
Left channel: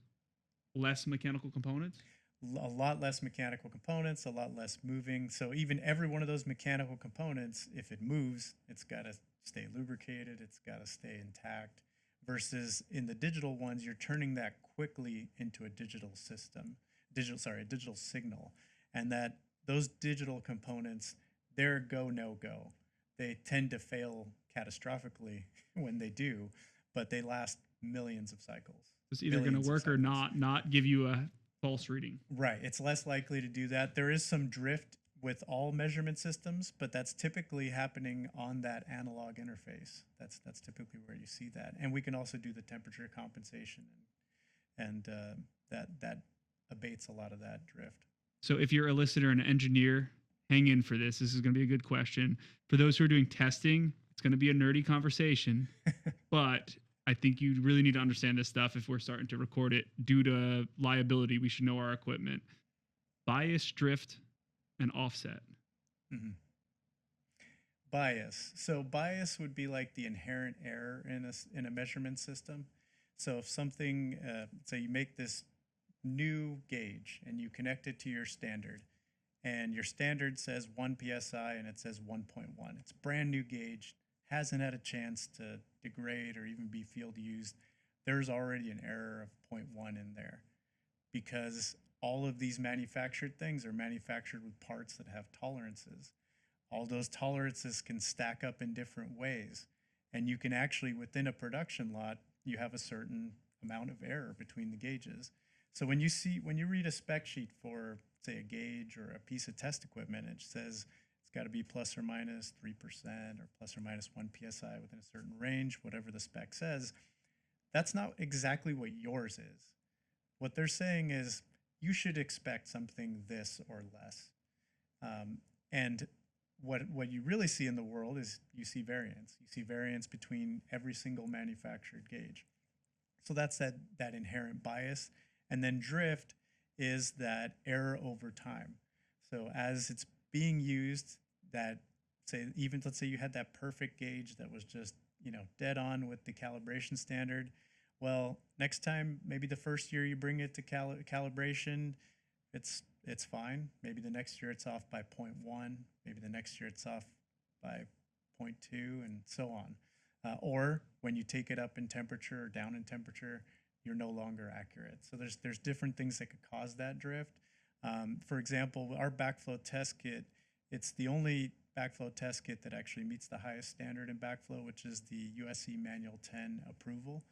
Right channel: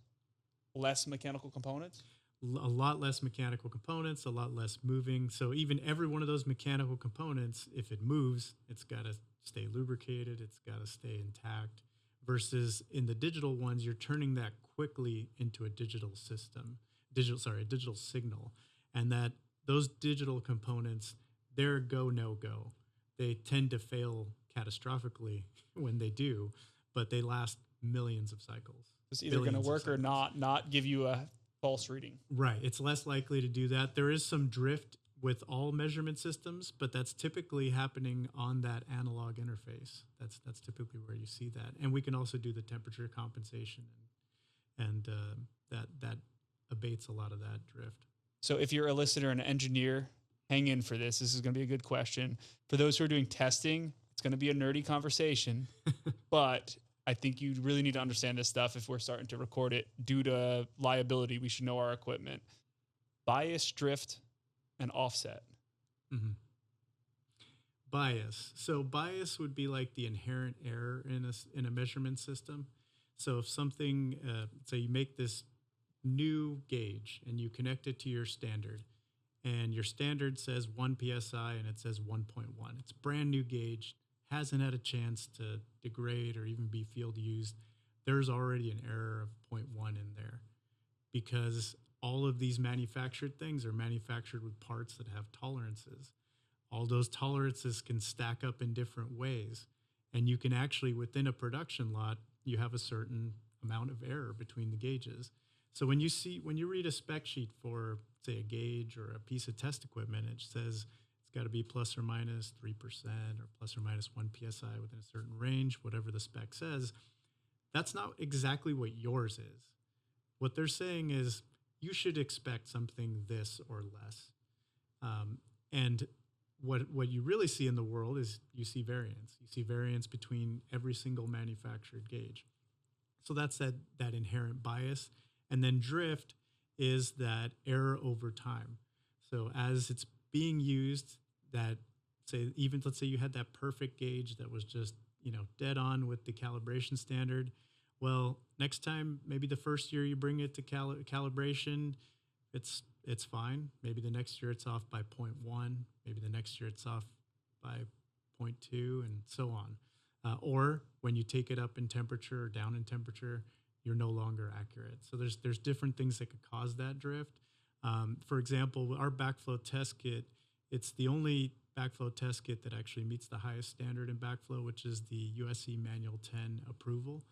less mechanical components? A lot less mechanical components, a lot less moving. So even every one of those mechanical components, if it moves, it's got to stay lubricated. It's got to stay intact. Versus in the digital ones, you're turning that quickly into a digital system, a digital signal. And that those digital components, they're go, no go. They tend to fail catastrophically when they do, but they last millions of cycles. It's either going to work or not give you a false reading. Right. It's less likely to do that. There is some drift with all measurement systems, but that's typically happening on that analog interface. That's typically where you see that. And we can also do the temperature compensation, and that abates a lot of that drift. So if you're a listener and an engineer, hang in for this. This is going to be a good question. For those who are doing testing, it's going to be a nerdy conversation, but I think you really need to understand this stuff if we're starting to record it. Due to liability, we should know our equipment. Bias, drift, and offset. Mm-hmm. Bias. So bias would be like the inherent error in a measurement system. So if something, say you make this new gauge and you connect it to your standard, and your standard says 1 psi and it says 1.1. It's a brand new gauge, hasn't had a chance to degrade or even be field used. There's already an error of 0.1 in there because all of these manufactured things are manufactured with parts that have tolerances. All those tolerances can stack up in different ways. And you can actually, within a production lot, you have a certain amount of error between the gauges. So when you read a spec sheet for, say, a gauge or a piece of test equipment, it says it's got to be plus or minus 3% or plus or minus 1 psi within a certain range, whatever the spec says. That's not exactly what yours is. What they're saying is you should expect something this or less. And what you really see in the world is you see variance. You see variance between every single manufactured gauge. So that's that inherent bias. And then drift is that error over time. So as it's being used, let's say you had that perfect gauge that was just dead on with the calibration standard. Well, next time, maybe the first year you bring it to calibration, it's fine. Maybe the next year it's off by 0.1. Maybe the next year it's off by 0.2, and so on. Or when you take it up in temperature or down in temperature, you're no longer accurate. So there's different things that could cause that drift. For example, our backflow test kit, it's the only backflow test kit that actually meets the highest standard in backflow, which is the USC Manual 10 approval.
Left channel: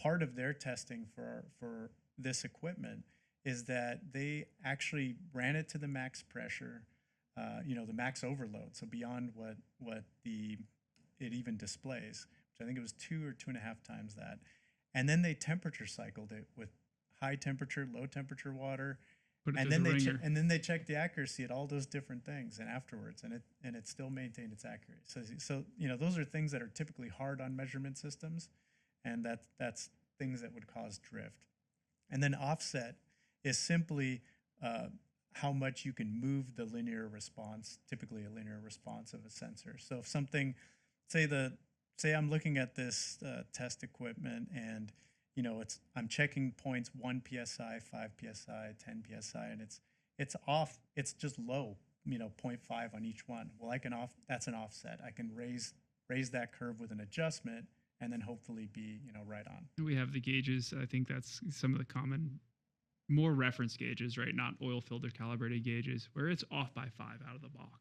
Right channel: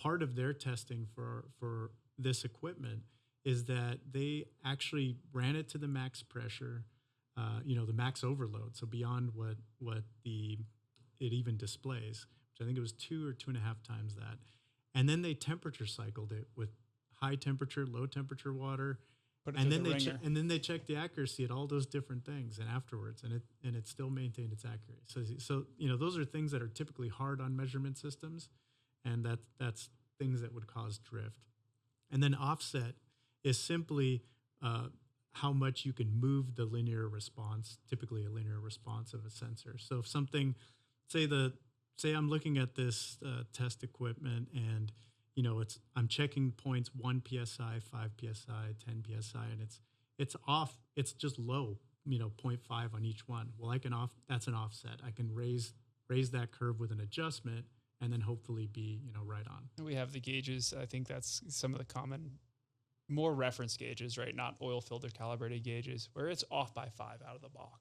Part of their testing for this equipment is that they actually ran it to the max pressure, the max overload, so beyond what it even displays, which I think it was 2 or 2.5 times that. And then they temperature cycled it with high temperature, low temperature water, and then they checked the accuracy at all those different things, and afterwards, and it still maintained its accuracy. So those are things that are typically hard on measurement systems, and that's things that would cause drift. And then offset is simply how much you can move the linear response, typically a linear response of a sensor. So if something, say I'm looking at this test equipment, and I'm checking points 1 psi, 5 psi, 10 psi, and it's off. It's just low, 0.5 on each one. Well, that's an offset. I can raise that curve with an adjustment, and then hopefully be right on. We have the gauges. I think that's some of the common, more reference gauges, right? Not oil filter calibrated gauges, where it's off by 5 out of the box.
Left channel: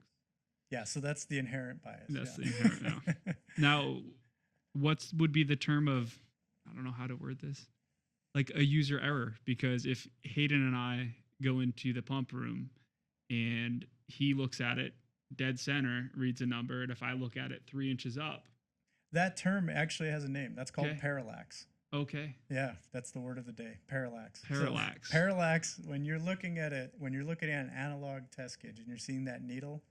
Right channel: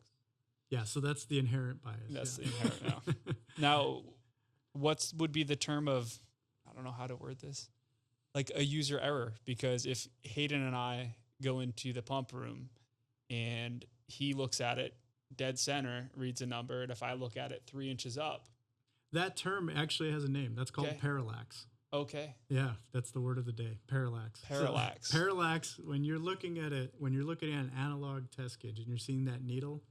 Yeah, so that's the inherent bias. That's the inherent. No. Now, what would be the term of, I don't know how to word this, like a user error? Because if Hayden and I go into the pump room and he looks at it dead center, reads a number, and if I look at it 3 inches up. That term actually has a name. That's called parallax. Okay. Yeah, that's the word of the day, parallax. Parallax. So, parallax, when you're looking at an analog test gauge and you're seeing that needle,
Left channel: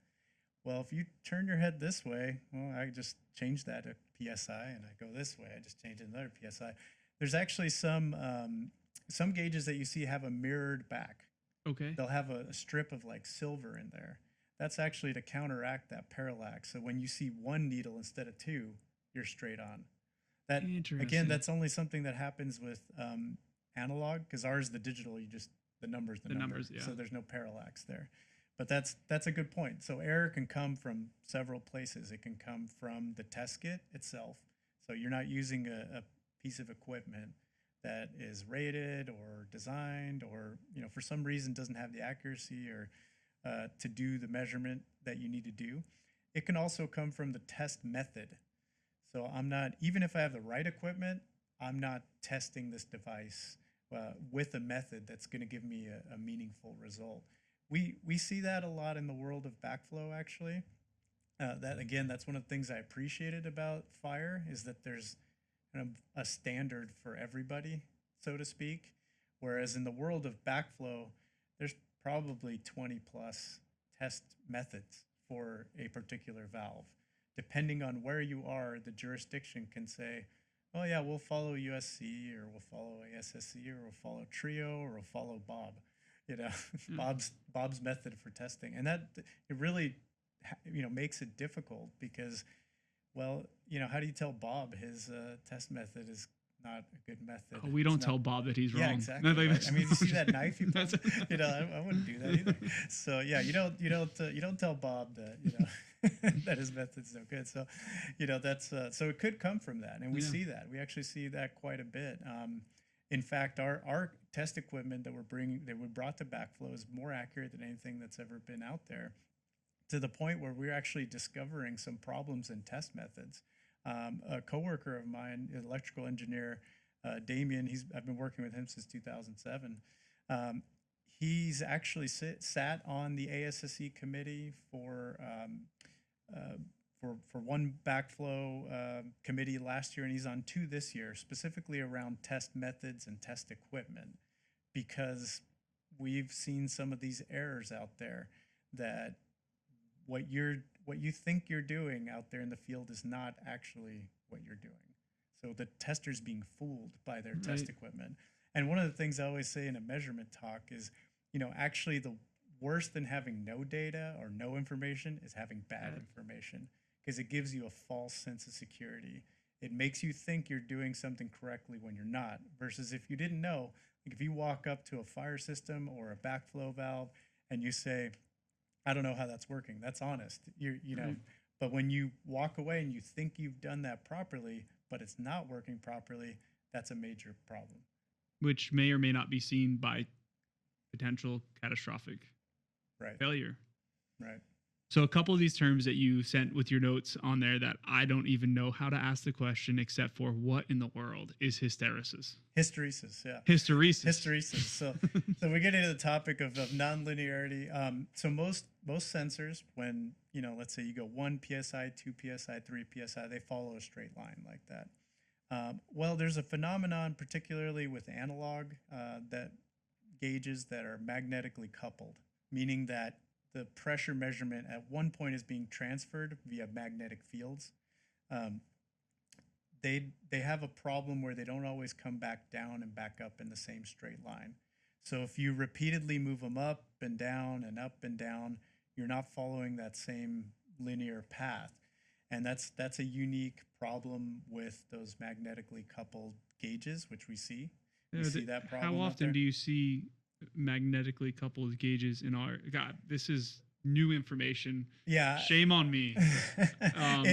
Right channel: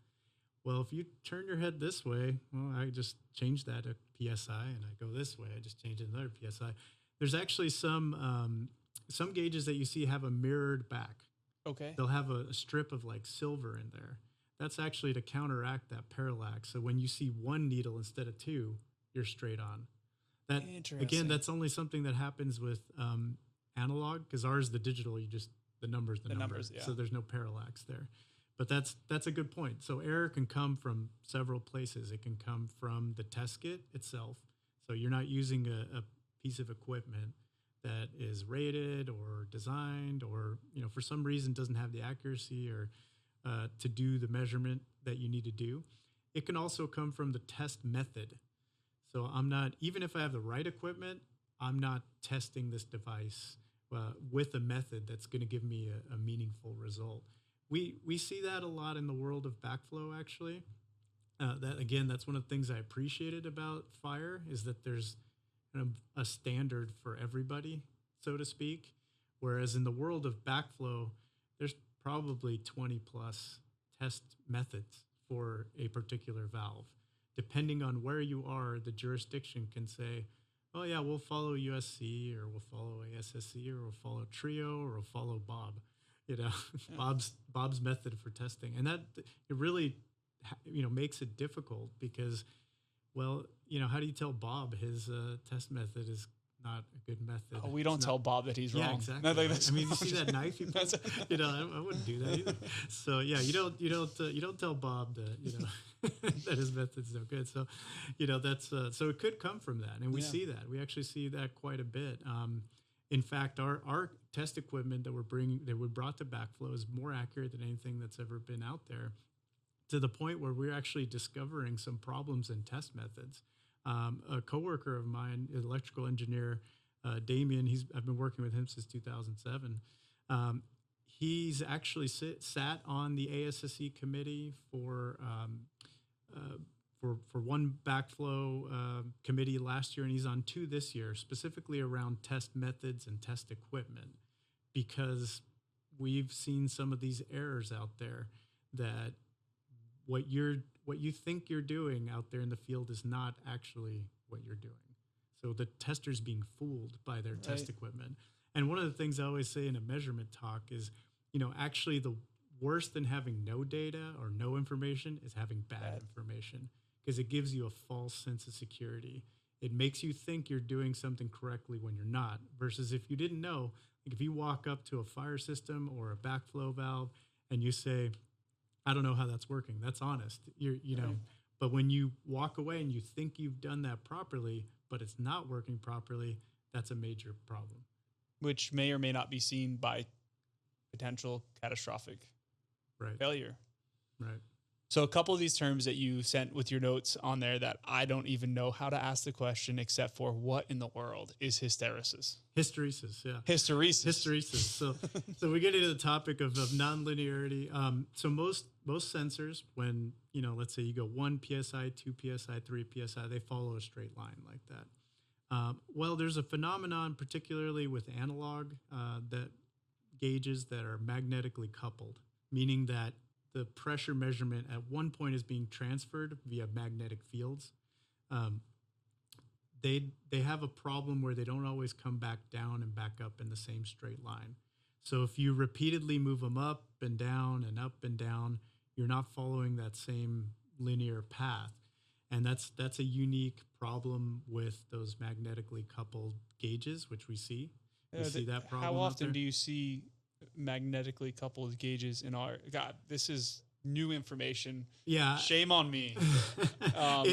well, if you turn your head this way, well, I just change that to PSI, and I go this way, I just change another PSI. There's actually some gauges that you see have a mirrored back. Okay. They'll have a strip of like silver in there. That's actually to counteract that parallax. So when you see one needle instead of 2, you're straight on. That, again, that's only something that happens with analog, because ours, the digital, the numbers, the numbers, yeah. So there's no parallax there. But that's a good point. So error can come from several places. It can come from the test kit itself. So you're not using a piece of equipment that is rated or designed, or for some reason doesn't have the accuracy or to do the measurement that you need to do. It can also come from the test method. So I'm not, even if I have the right equipment, I'm not testing this device with a method that's going to give me a meaningful result. We see that a lot in the world of backflow, actually. That's one of the things I appreciated about FIRE, is that there's a standard for everybody, so to speak. Whereas in the world of backflow, there's probably 20 plus test methods for a particular valve. Depending on where you are, the jurisdiction can say, oh yeah, we'll follow USC, or we'll follow ASSC, or we'll follow TRIO, or we'll follow Bob. Yeah. Bob's method for testing. And that it really makes it difficult, because, well, how do you tell Bob his test method is not a good method? Oh, we don't tell Bob that he's wrong. Yeah, exactly. No, I mean, you see that knife? I wouldn't do that either. So yeah, you don't tell Bob that that his method's no good. So that's so it could come from that, and we see that. We actually see that quite a bit. In fact, our test equipment that we brought to backflow is more accurate than anything that's ever been out there, to the point where we're actually discovering some problems in test methods. A coworker of mine, an electrical engineer, Damien, I've been working with him since 2007. He's actually sat on the ASSE committee for one backflow committee last year, and he's on 2 this year, specifically around test methods and test equipment, because we've seen some of these errors out there, that what you think you're doing out there in the field is not actually what you're doing. So the tester's being fooled by their test equipment. And one of the things I always say in a measurement talk is, actually the worse than having no data or no information is having bad information, because it gives you a false sense of security. It makes you think you're doing something correctly when you're not, versus if you didn't know, like if you walk up to a fire system or a backflow valve and you say, I don't know how that's working, that's honest. But when you walk away and you think you've done that properly, but it's not working properly, that's a major problem. Which may or may not be seen by potential catastrophic failure. Right. So a couple of these terms that you sent with your notes on there that I don't even know how to ask the question except for what in the world is hysteresis? Hysteresis, yeah. Hysteresis. So we get into the topic of nonlinearity. So most sensors, when, let's say you go 1 psi, 2 psi, 3 psi, they follow a straight line like that. Well, there's a phenomenon, particularly with analog, that gauges that are magnetically coupled, meaning that the pressure measurement at one point is being transferred via magnetic fields. They have a problem where they don't always come back down and back up in the same straight line. So if you repeatedly move them up and down and up and down, you're not following that same linear path. And that's a unique problem with those magnetically coupled gauges, which we see. We see that problem. How often do you see magnetically coupled gauges in our this is new information? Yeah, shame on me. On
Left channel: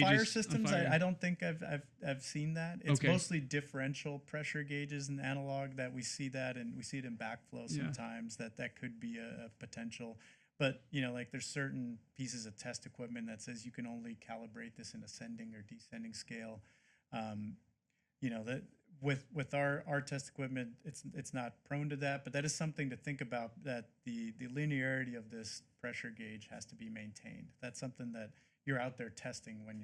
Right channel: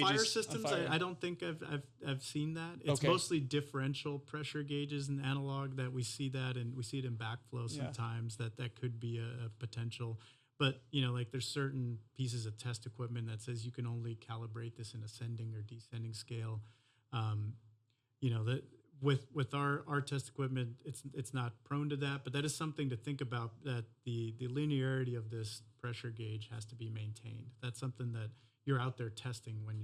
fire systems, I don't think I've seen that. It's mostly differential pressure gauges and analog that we see that, and we see it in backflow sometimes. That could be a potential. But like there's certain pieces of test equipment that says you can only calibrate this in ascending or descending scale. That with our test equipment, it's not prone to that, but that is something to think about, that the linearity of this pressure gauge has to be maintained. That's something that you're out there testing when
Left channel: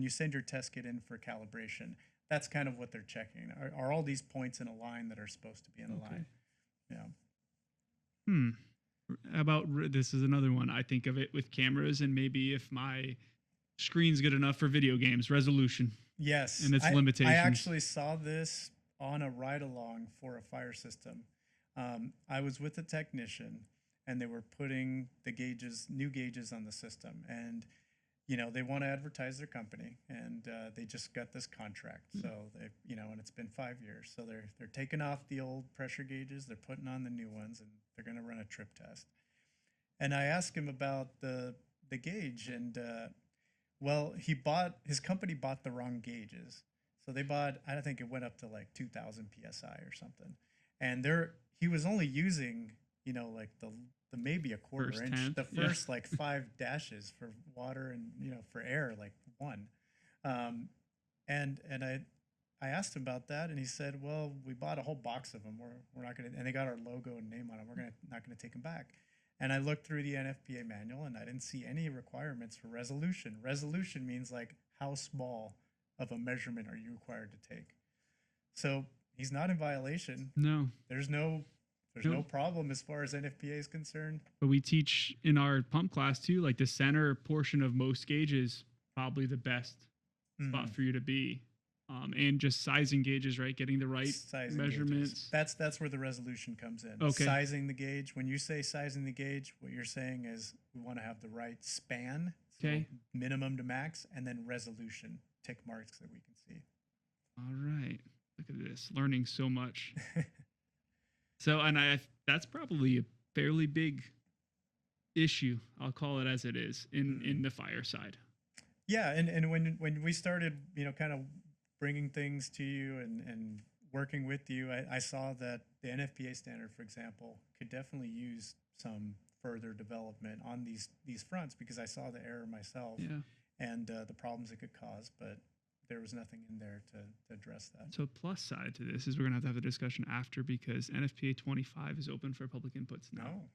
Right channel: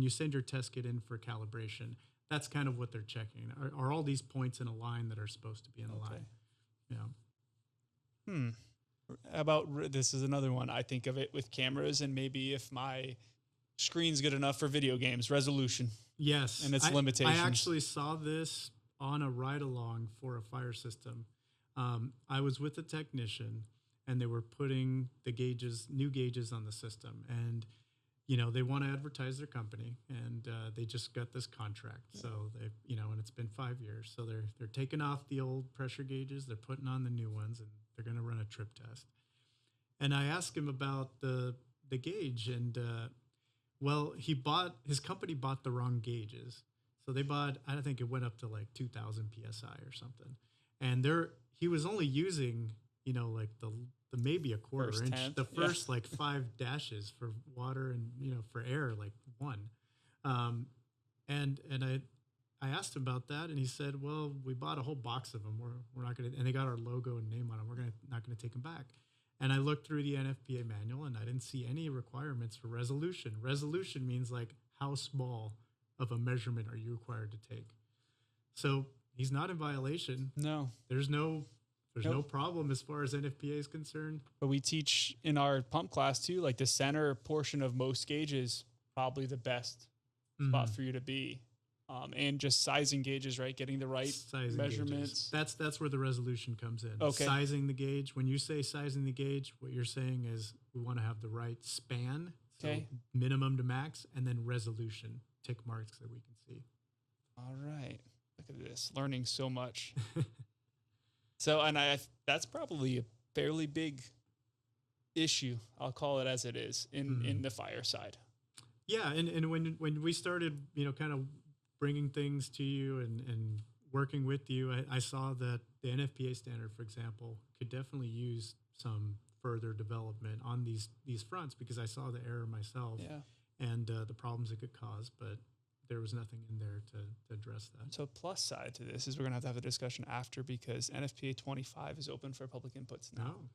you send your test kit in for calibration. That's kind of what they're checking. Are all these points in a line that are supposed to be in a line? How about, this is another one. I think of it with cameras, and maybe if my screen's good enough for video games, resolution. Yes. And its limitations. I actually saw this on a ride-along for a fire system. I was with a technician, and they were putting the new gauges on the system. And, they want to advertise their company, and they just got this contract. So they, and it's been 5 years. So they're taking off the old pressure gauges, they're putting on the new ones, and they're going to run a trip test. And I asked him about the gauge, and well, his company bought the wrong gauges. So they bought, I think it went up to like 2,000 PSI or something. And he was only using, like the maybe a quarter first inch, tenth, the first like 5 dashes for water, and, for air, like 1. And I asked him about that, and he said, well, we bought a whole box of them. We're not going to, and they got our logo and name on them. We're not going to take them back. And I looked through the NFPA manual, and I didn't see any requirements for resolution. Resolution means like how small of a measurement are you required to take? So he's not in violation. No. There's no problem as far as NFPA is concerned. But we teach in our pump class too, like the center portion of most gauges, probably the best spot for you to be. And just sizing gauges, right? Getting the right measurements. Gauges. That's where the resolution comes in. Okay. Sizing the gauge. When you say sizing the gauge, what you're saying is we want to have the right span, okay, so minimum to max, and then resolution, tick marks that we can see. All right. Look at this, learning so much. So, and that's probably a fairly big issue. I'll call it as it is in the fire side. Yeah, and when we started, kind of bringing things to you and working with you, I saw that the NFPA standard, for example, could definitely use some further development on these fronts, because I saw the error myself and the problems it could cause, but there was nothing in there to address that. So plus side to this is we're going to have the discussion after, because NFPA 25 is open for public inputs now. Oh,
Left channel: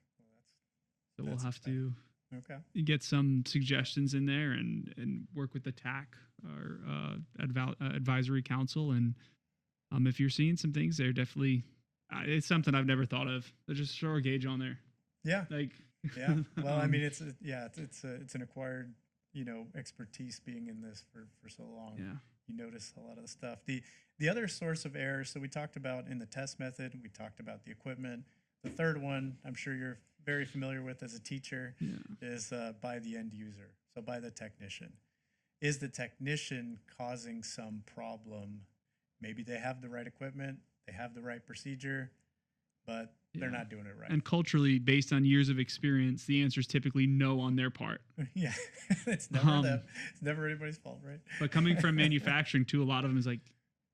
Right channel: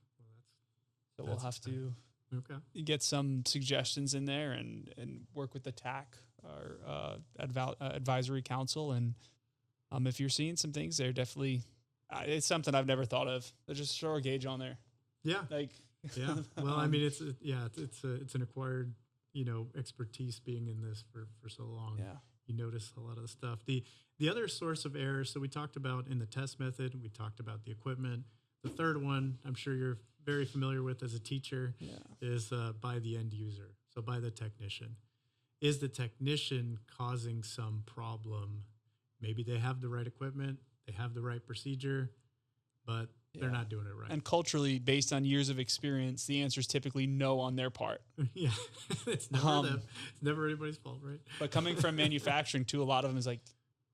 well, so we'll have to Okay. get some suggestions in there and work with the TAC, our advisory council. And if you're seeing some things there, definitely, it's something I've never thought of. Just throw a gauge on there. Yeah. Yeah. Well, I mean, it's an acquired, expertise being in this for so long. Yeah. You notice a lot of the stuff. The other source of error, so we talked about in the test method, we talked about the equipment. The third one, I'm sure you're very familiar with as a teacher, is by the end user, so by the technician. Is the technician causing some problem? Maybe they have the right equipment, they have the right procedure, but they're not doing it right. And culturally, based on years of experience, the answer is typically no on their part. Yeah, it's never them. It's never anybody's fault, right? But coming from manufacturing too, a lot of them is like,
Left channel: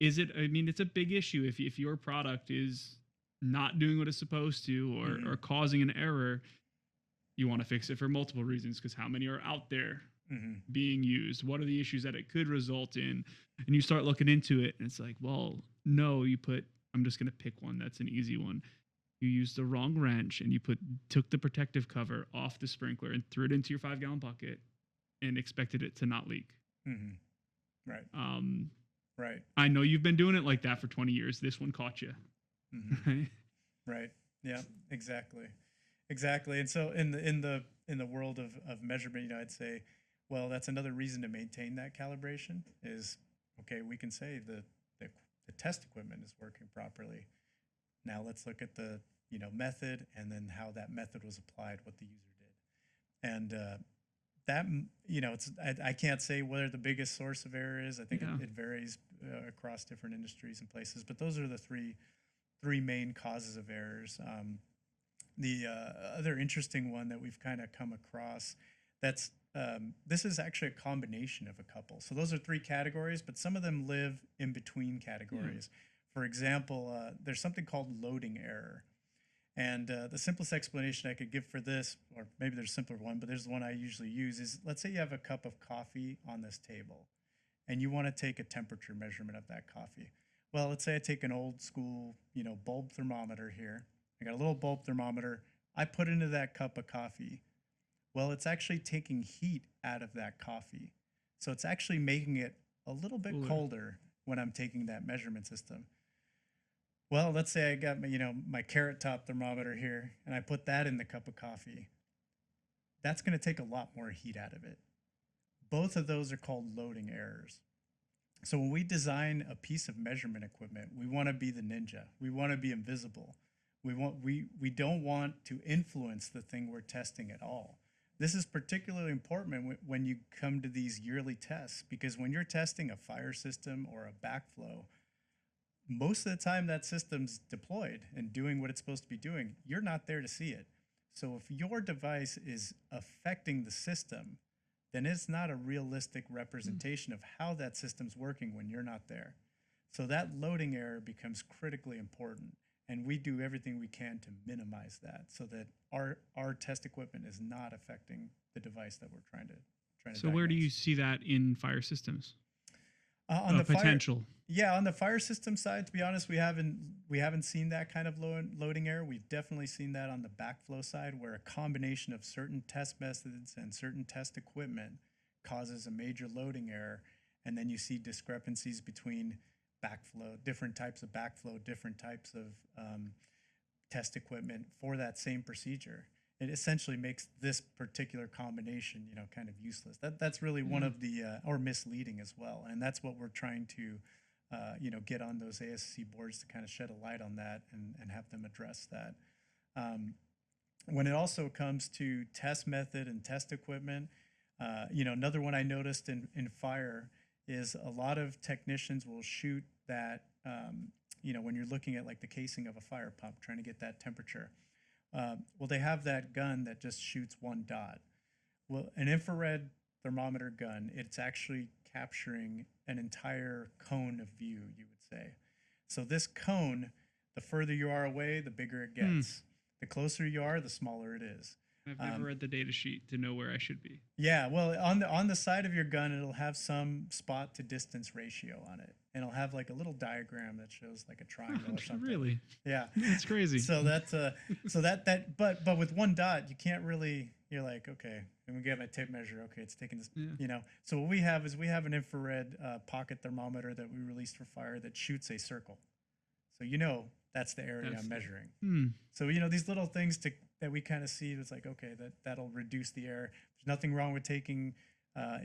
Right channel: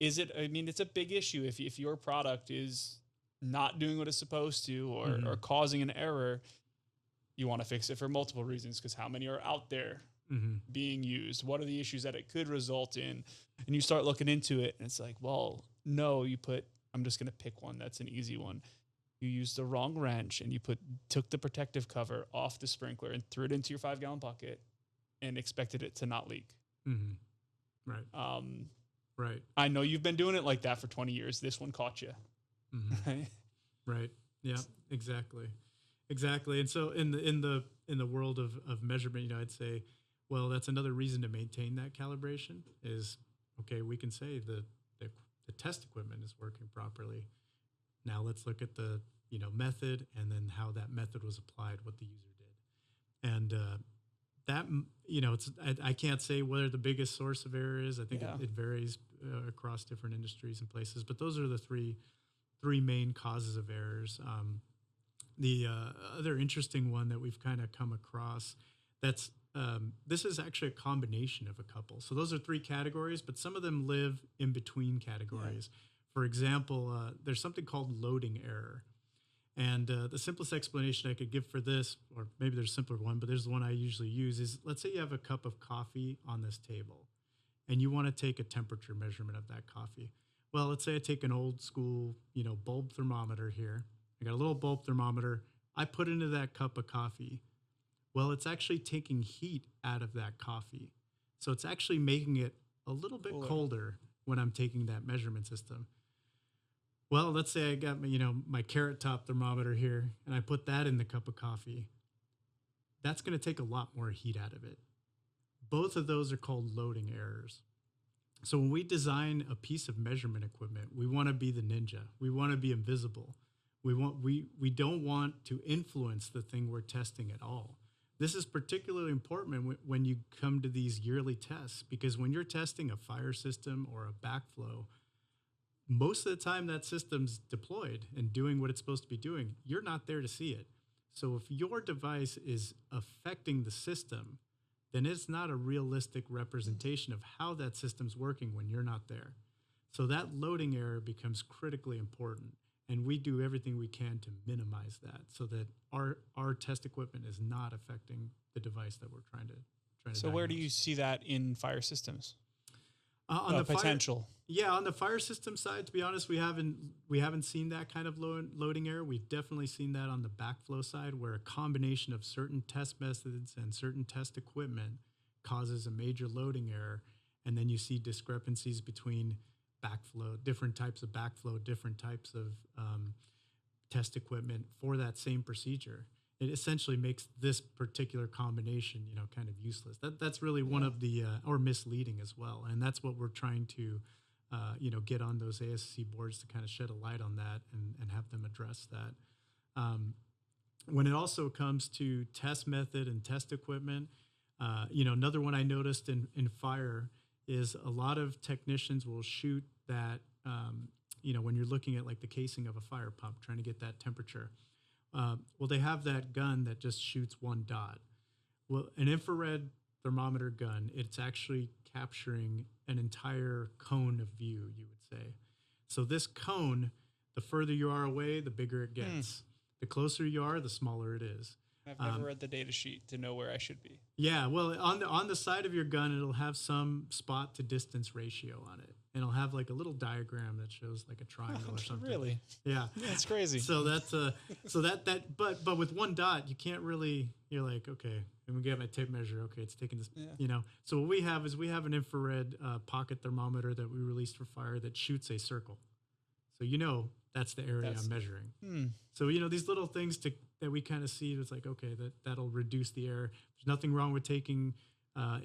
is it? I mean, it's a big issue if your product is not doing what it's supposed to, or causing an error. you want to fix it for multiple reasons, because how many are out there Mm-hmm. being used? What are the issues that it could result in? And you start looking into it, and it's like, well, no, I'm just going to pick one that's an easy one. You used the wrong wrench, and you took the protective cover off the sprinkler and threw it into your 5-gallon bucket and expected it to not leak. Mm-hmm. Right. Right. I know you've been doing it like that for 20 years. This one caught you. Mm-hmm. Right? Right. Yeah, exactly. And so in the world of measurement, I'd say, well, that's another reason to maintain that calibration is, okay, we can say the test equipment is working properly. Now let's look at the, method, and then how that method was applied, what the user did. And that, I can't say whether the biggest source of error is. I think it varies across different industries and places, but those are the three main causes of errors. The other interesting one that we've kind of come across, this is actually a combination of a couple. So those are 3 categories, but some of them live in between categories. Yeah. For example, there's something called loading error. And the simplest explanation I could give for this, or maybe there's a simpler one, but there's the one I usually use, is let's say you have a cup of coffee on this table, and you want to take a temperature measurement of that coffee. Well, let's say I take an old school, bulb thermometer here. I got a little bulb thermometer. I put into that cup of coffee. Well, it's actually taking heat out of that coffee. So it's actually making it a little bit colder when I'm taking that measurement system. Well, let's say I got my carrot top thermometer here, and I put that in the cup of coffee. That's going to take a lot more heat out of it. Both of those are called loading errors. So when we design a piece of measurement equipment, we want to be the ninja. We want to be invisible. We don't want to influence the thing we're testing at all. This is particularly important when you come to these yearly tests, because when you're testing a fire system or a backflow, most of the time that system's deployed and doing what it's supposed to be doing. You're not there to see it. So if your device is affecting the system, then it's not a realistic representation of how that system's working when you're not there. So that loading error becomes critically important. And we do everything we can to minimize that so that our test equipment is not affecting the device that we're trying to So where do you see that in fire systems? On the potential. On the fire system side, to be honest, we haven't seen that kind of loading error. We've definitely seen that on the backflow side, where a combination of certain test methods and certain test equipment causes a major loading error, and then you see discrepancies between backflow, different types of backflow, different types of test equipment for that same procedure. It essentially makes this particular combination, kind of useless. That's really one of the or misleading as well, and that's what we're trying to, get on those ASC boards to kind of shed a light on that and have them address that. When it also comes to test method and test equipment, another one I noticed in fire is a lot of technicians will shoot that, when you're looking at like the casing of a fire pump, trying to get that temperature. Well, they have that gun that just shoots one dot. Well, an infrared thermometer gun, it's actually capturing an entire cone of view, you would say. So this cone, the further you are away, the bigger it gets. The closer you are, the smaller it is. I've never read the data sheet to know where I should be. Yeah, well, on the side of your gun, it'll have some spot to distance ratio on it, and it'll have like a little diagram that shows like a triangle or something. Really? Yeah, that's crazy. So that's but with one dot, you can't really. You're like, okay, and we get my tape measure. Okay, it's taking this. Yeah. So what we have is an infrared pocket thermometer that we released for fire that shoots a circle. So that's the area I'm measuring. So these little things that we kind of see, it's like, okay, that'll reduce the error. There's nothing wrong with taking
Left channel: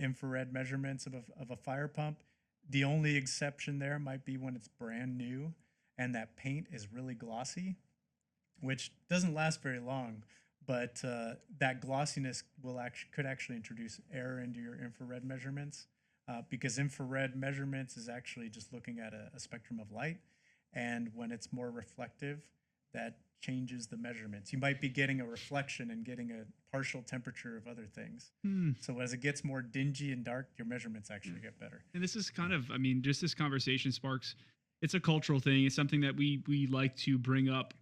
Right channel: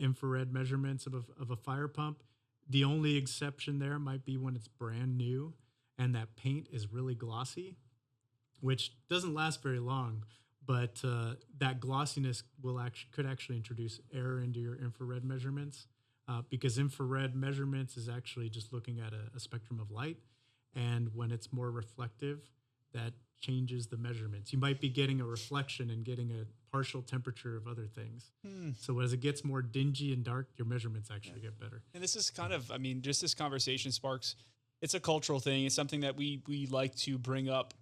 infrared measurements of a fire pump. The only exception there might be when it's brand new and that paint is really glossy, which doesn't last very long. But that glossiness could actually introduce error into your infrared measurements, because infrared measurements is actually just looking at a spectrum of light. And when it's more reflective, that changes the measurements. You might be getting a reflection and getting a partial temperature of other things. So as it gets more dingy and dark, your measurements actually get better. And this is kind of, just this conversation sparks, it's a cultural thing. It's something that we like to bring up,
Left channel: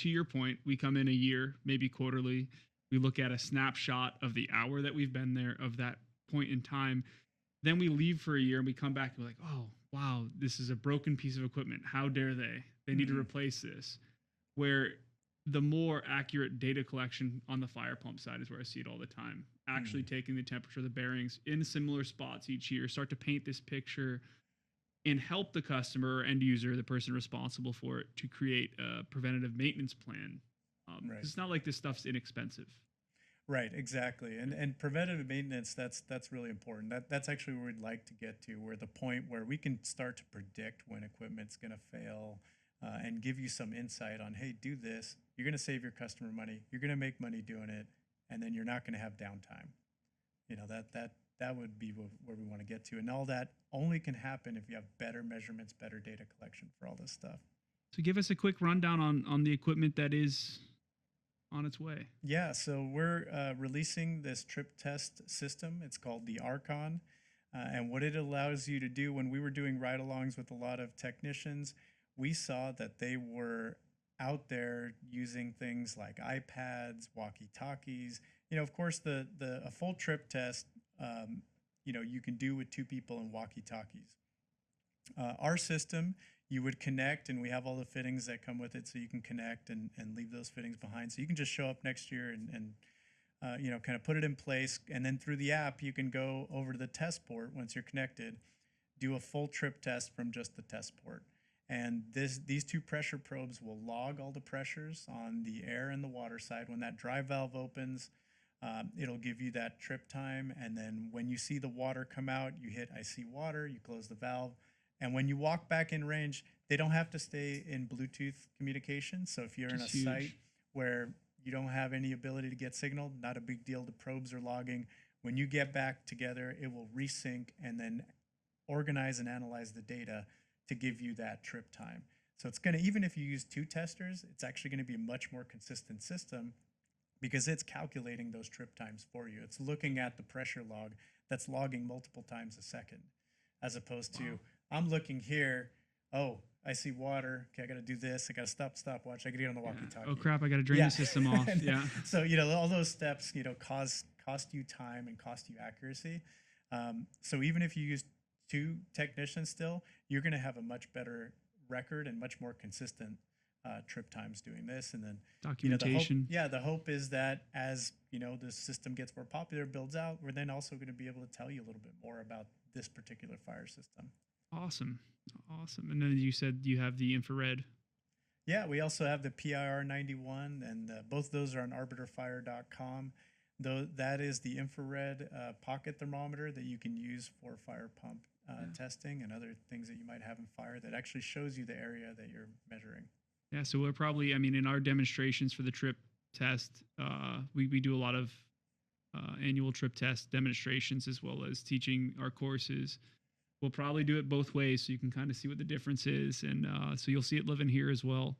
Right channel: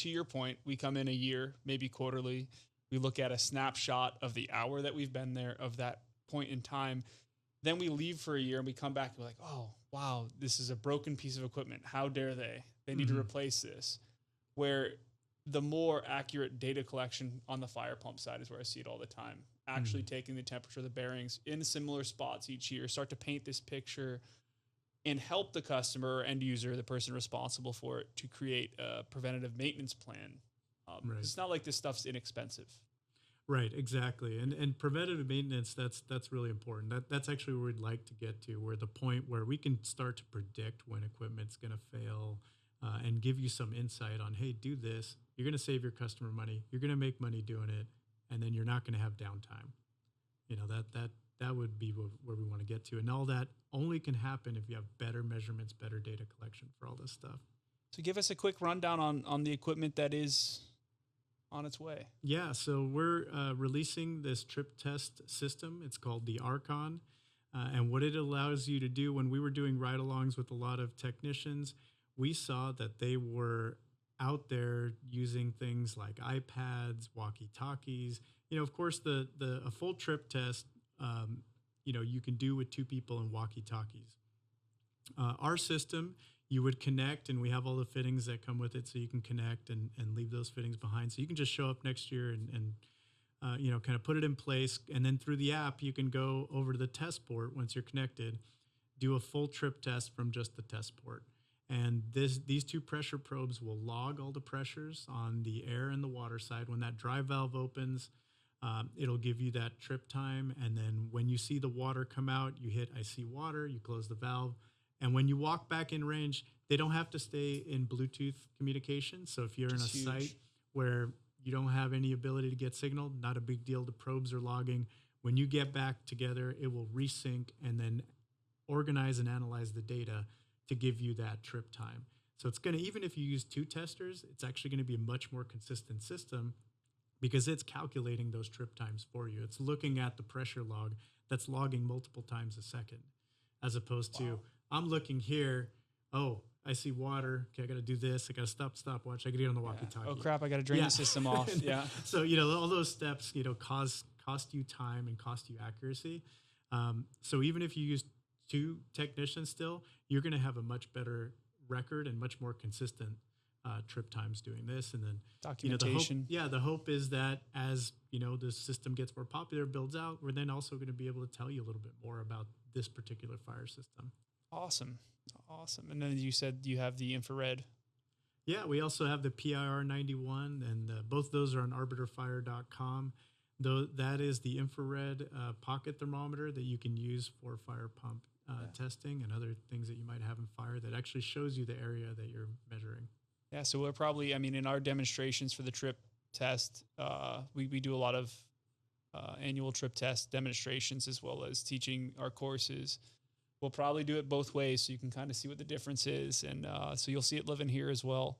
to your point, we come in a year, maybe quarterly. We look at a snapshot of the hour that we've been there, of that point in time. Then we leave for a year and we come back and we're like, oh, wow, this is a broken piece of equipment. How dare they? They need to replace this. Where the more accurate data collection on the fire pump side is where I see it all the time. Actually taking the temperature of the bearings in similar spots each year, start to paint this picture and help the customer or end user, the person responsible for it, to create a preventative maintenance plan. It's not like this stuff's inexpensive. Right, exactly. And preventative maintenance, that's really important. That's actually where we'd like to get to, where the point where we can start to predict when equipment's going to fail, and give you some insight on, hey, do this. You're going to save your customer money. You're going to make money doing it, and then you're not going to have downtime. You know, that would be where we want to get to. And all that only can happen if you have better measurements, better data collection for all this stuff. So give us a quick rundown on the equipment that is on its way. Yeah, so we're releasing this trip test system. It's called the Archon. And what it allows you to do, when we were doing ride-alongs with a lot of technicians, we saw that they were out there using things like iPads, walkie-talkies. You know, of course, a full trip test, you know, you can do with 2 people and walkie-talkies. Our system, you would connect, and we have all the fittings that come with it, so you can connect and leave those fittings behind. So you can just show up next year and you know, kind of put it in place. And then through the app, you can go over to the test port once you're connected, do a full trip test from just the test port. And these 2 pressure probes will log all the pressures on the air and the water side. When that drive valve opens, it'll give you that trip time. And then when you see the water come out, you hit I see water, you close the valve. And when you walk back in range, they don't have to stay in Bluetooth communication. So if you're in a site where you don't have any ability to get signal, not a big deal. The probes are logging. When you get back together, it will resync and then organize and analyze the data to give you that trip time. So it's going to, even if you use 2 testers, it's actually going to be a much more consistent system because it's calculating those trip times for you. It's looking at the pressure log that's logging multiple times a second, as opposed to, I'm looking here, oh, I see water. Okay, I got to do this. I got to stop, watch. I got to get on the walkie-talkie. Oh, crap, I got to drain the system off. Yeah. So, you know, all those steps, you know, cost you time and cost you accuracy. So even if you use 2 technicians still, you're going to have a much better record and much more consistent trip times doing this. And then documentation. You know, the hope is that as, you know, the system gets more popular, builds out, we're then also going to be able to tell you a little bit more about this particular fire system. Awesome. And then you said you have the infrared. Yeah, we also have the PIR 91, and both those are on arbiterfire.com. Though that is the infrared pocket thermometer that you can use for fire pump testing and other things that you might have in fire, that actually shows you the area that you're measuring. Yeah, so we're probably, I mean, in our demonstrations for the trip test, we do a lot of annual trip test demonstrations as well as teaching our courses. We'll probably do it both ways so you can kind of see what the difference is. And so you'll see it living here as well.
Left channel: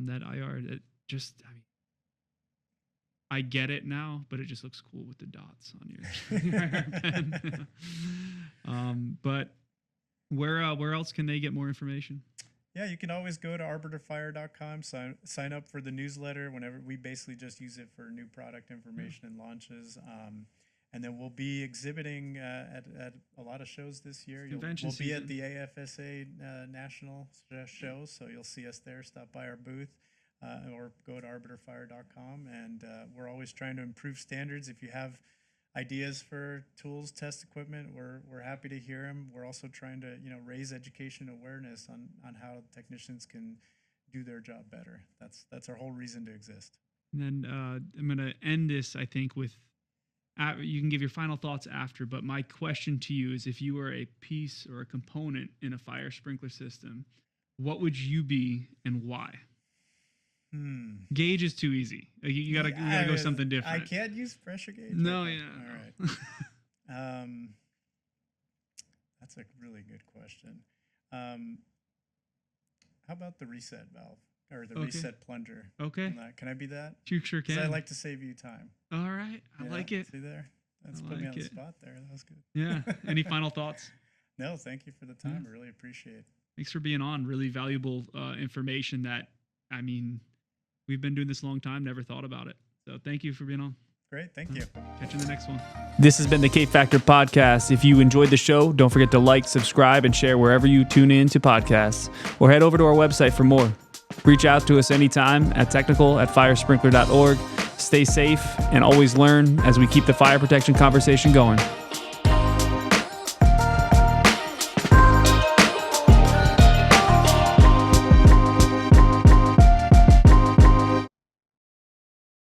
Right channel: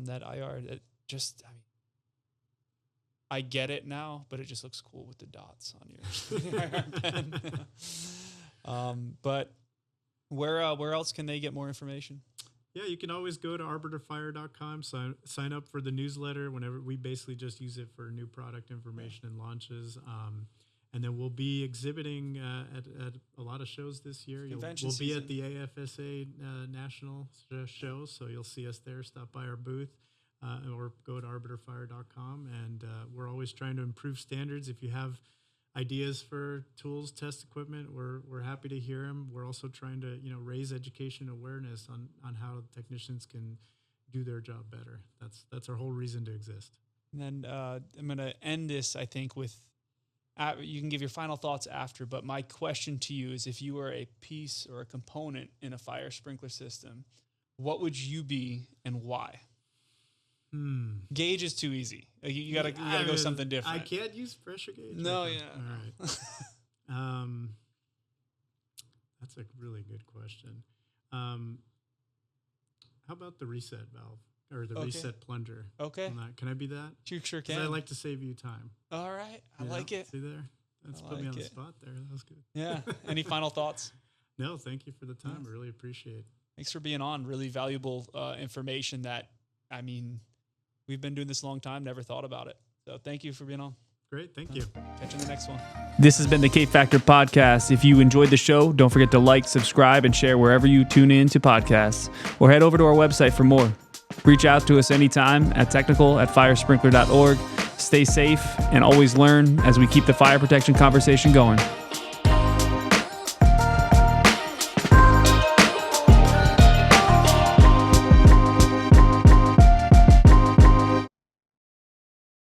That IR, that just, I mean, I get it now, but it just looks cool with the dots on your IR pen. But where else can they get more information? Yeah, you can always go to arbiterfire.com, sign up for the newsletter whenever. We basically just use it for new product information and launches. And then we'll be exhibiting at a lot of shows this year. We'll be at the AFSA National Show, so you'll see us there. Stop by our booth or go to arbiterfire.com. And we're always trying to improve standards. If you have ideas for tools, test equipment, we're happy to hear them. We're also trying to raise education awareness on how technicians can do their job better. That's our whole reason to exist. And then I'm going to end this, I think, with. You can give your final thoughts after, but my question to you is, if you were a piece or a component in a fire sprinkler system, what would you be and why? Gauge is too easy. You gotta go something different. I can't use pressure gauge. No, right? yeah. All right. That's a really good question. How about the reset valve or the reset plunger? Okay. Can I be that? You sure can. I like to save you time. All right. I like it. See there? That's put me on the spot there. That was good. Yeah. Any final thoughts? No, thank you for the time. I really appreciate it. Thanks for being on. Really valuable information that, I mean, we've been doing this a long time, never thought about it. So thank you for being on. Great. Thank you. Catch you in the next one. This has been the K Factor Podcast. If you enjoyed the show, don't forget to like, subscribe, and share wherever you tune in to podcasts, or head over to our website for more. Reach out to us anytime at technical@firesprinkler.org. Stay safe and always learn as we keep the fire protection conversation going.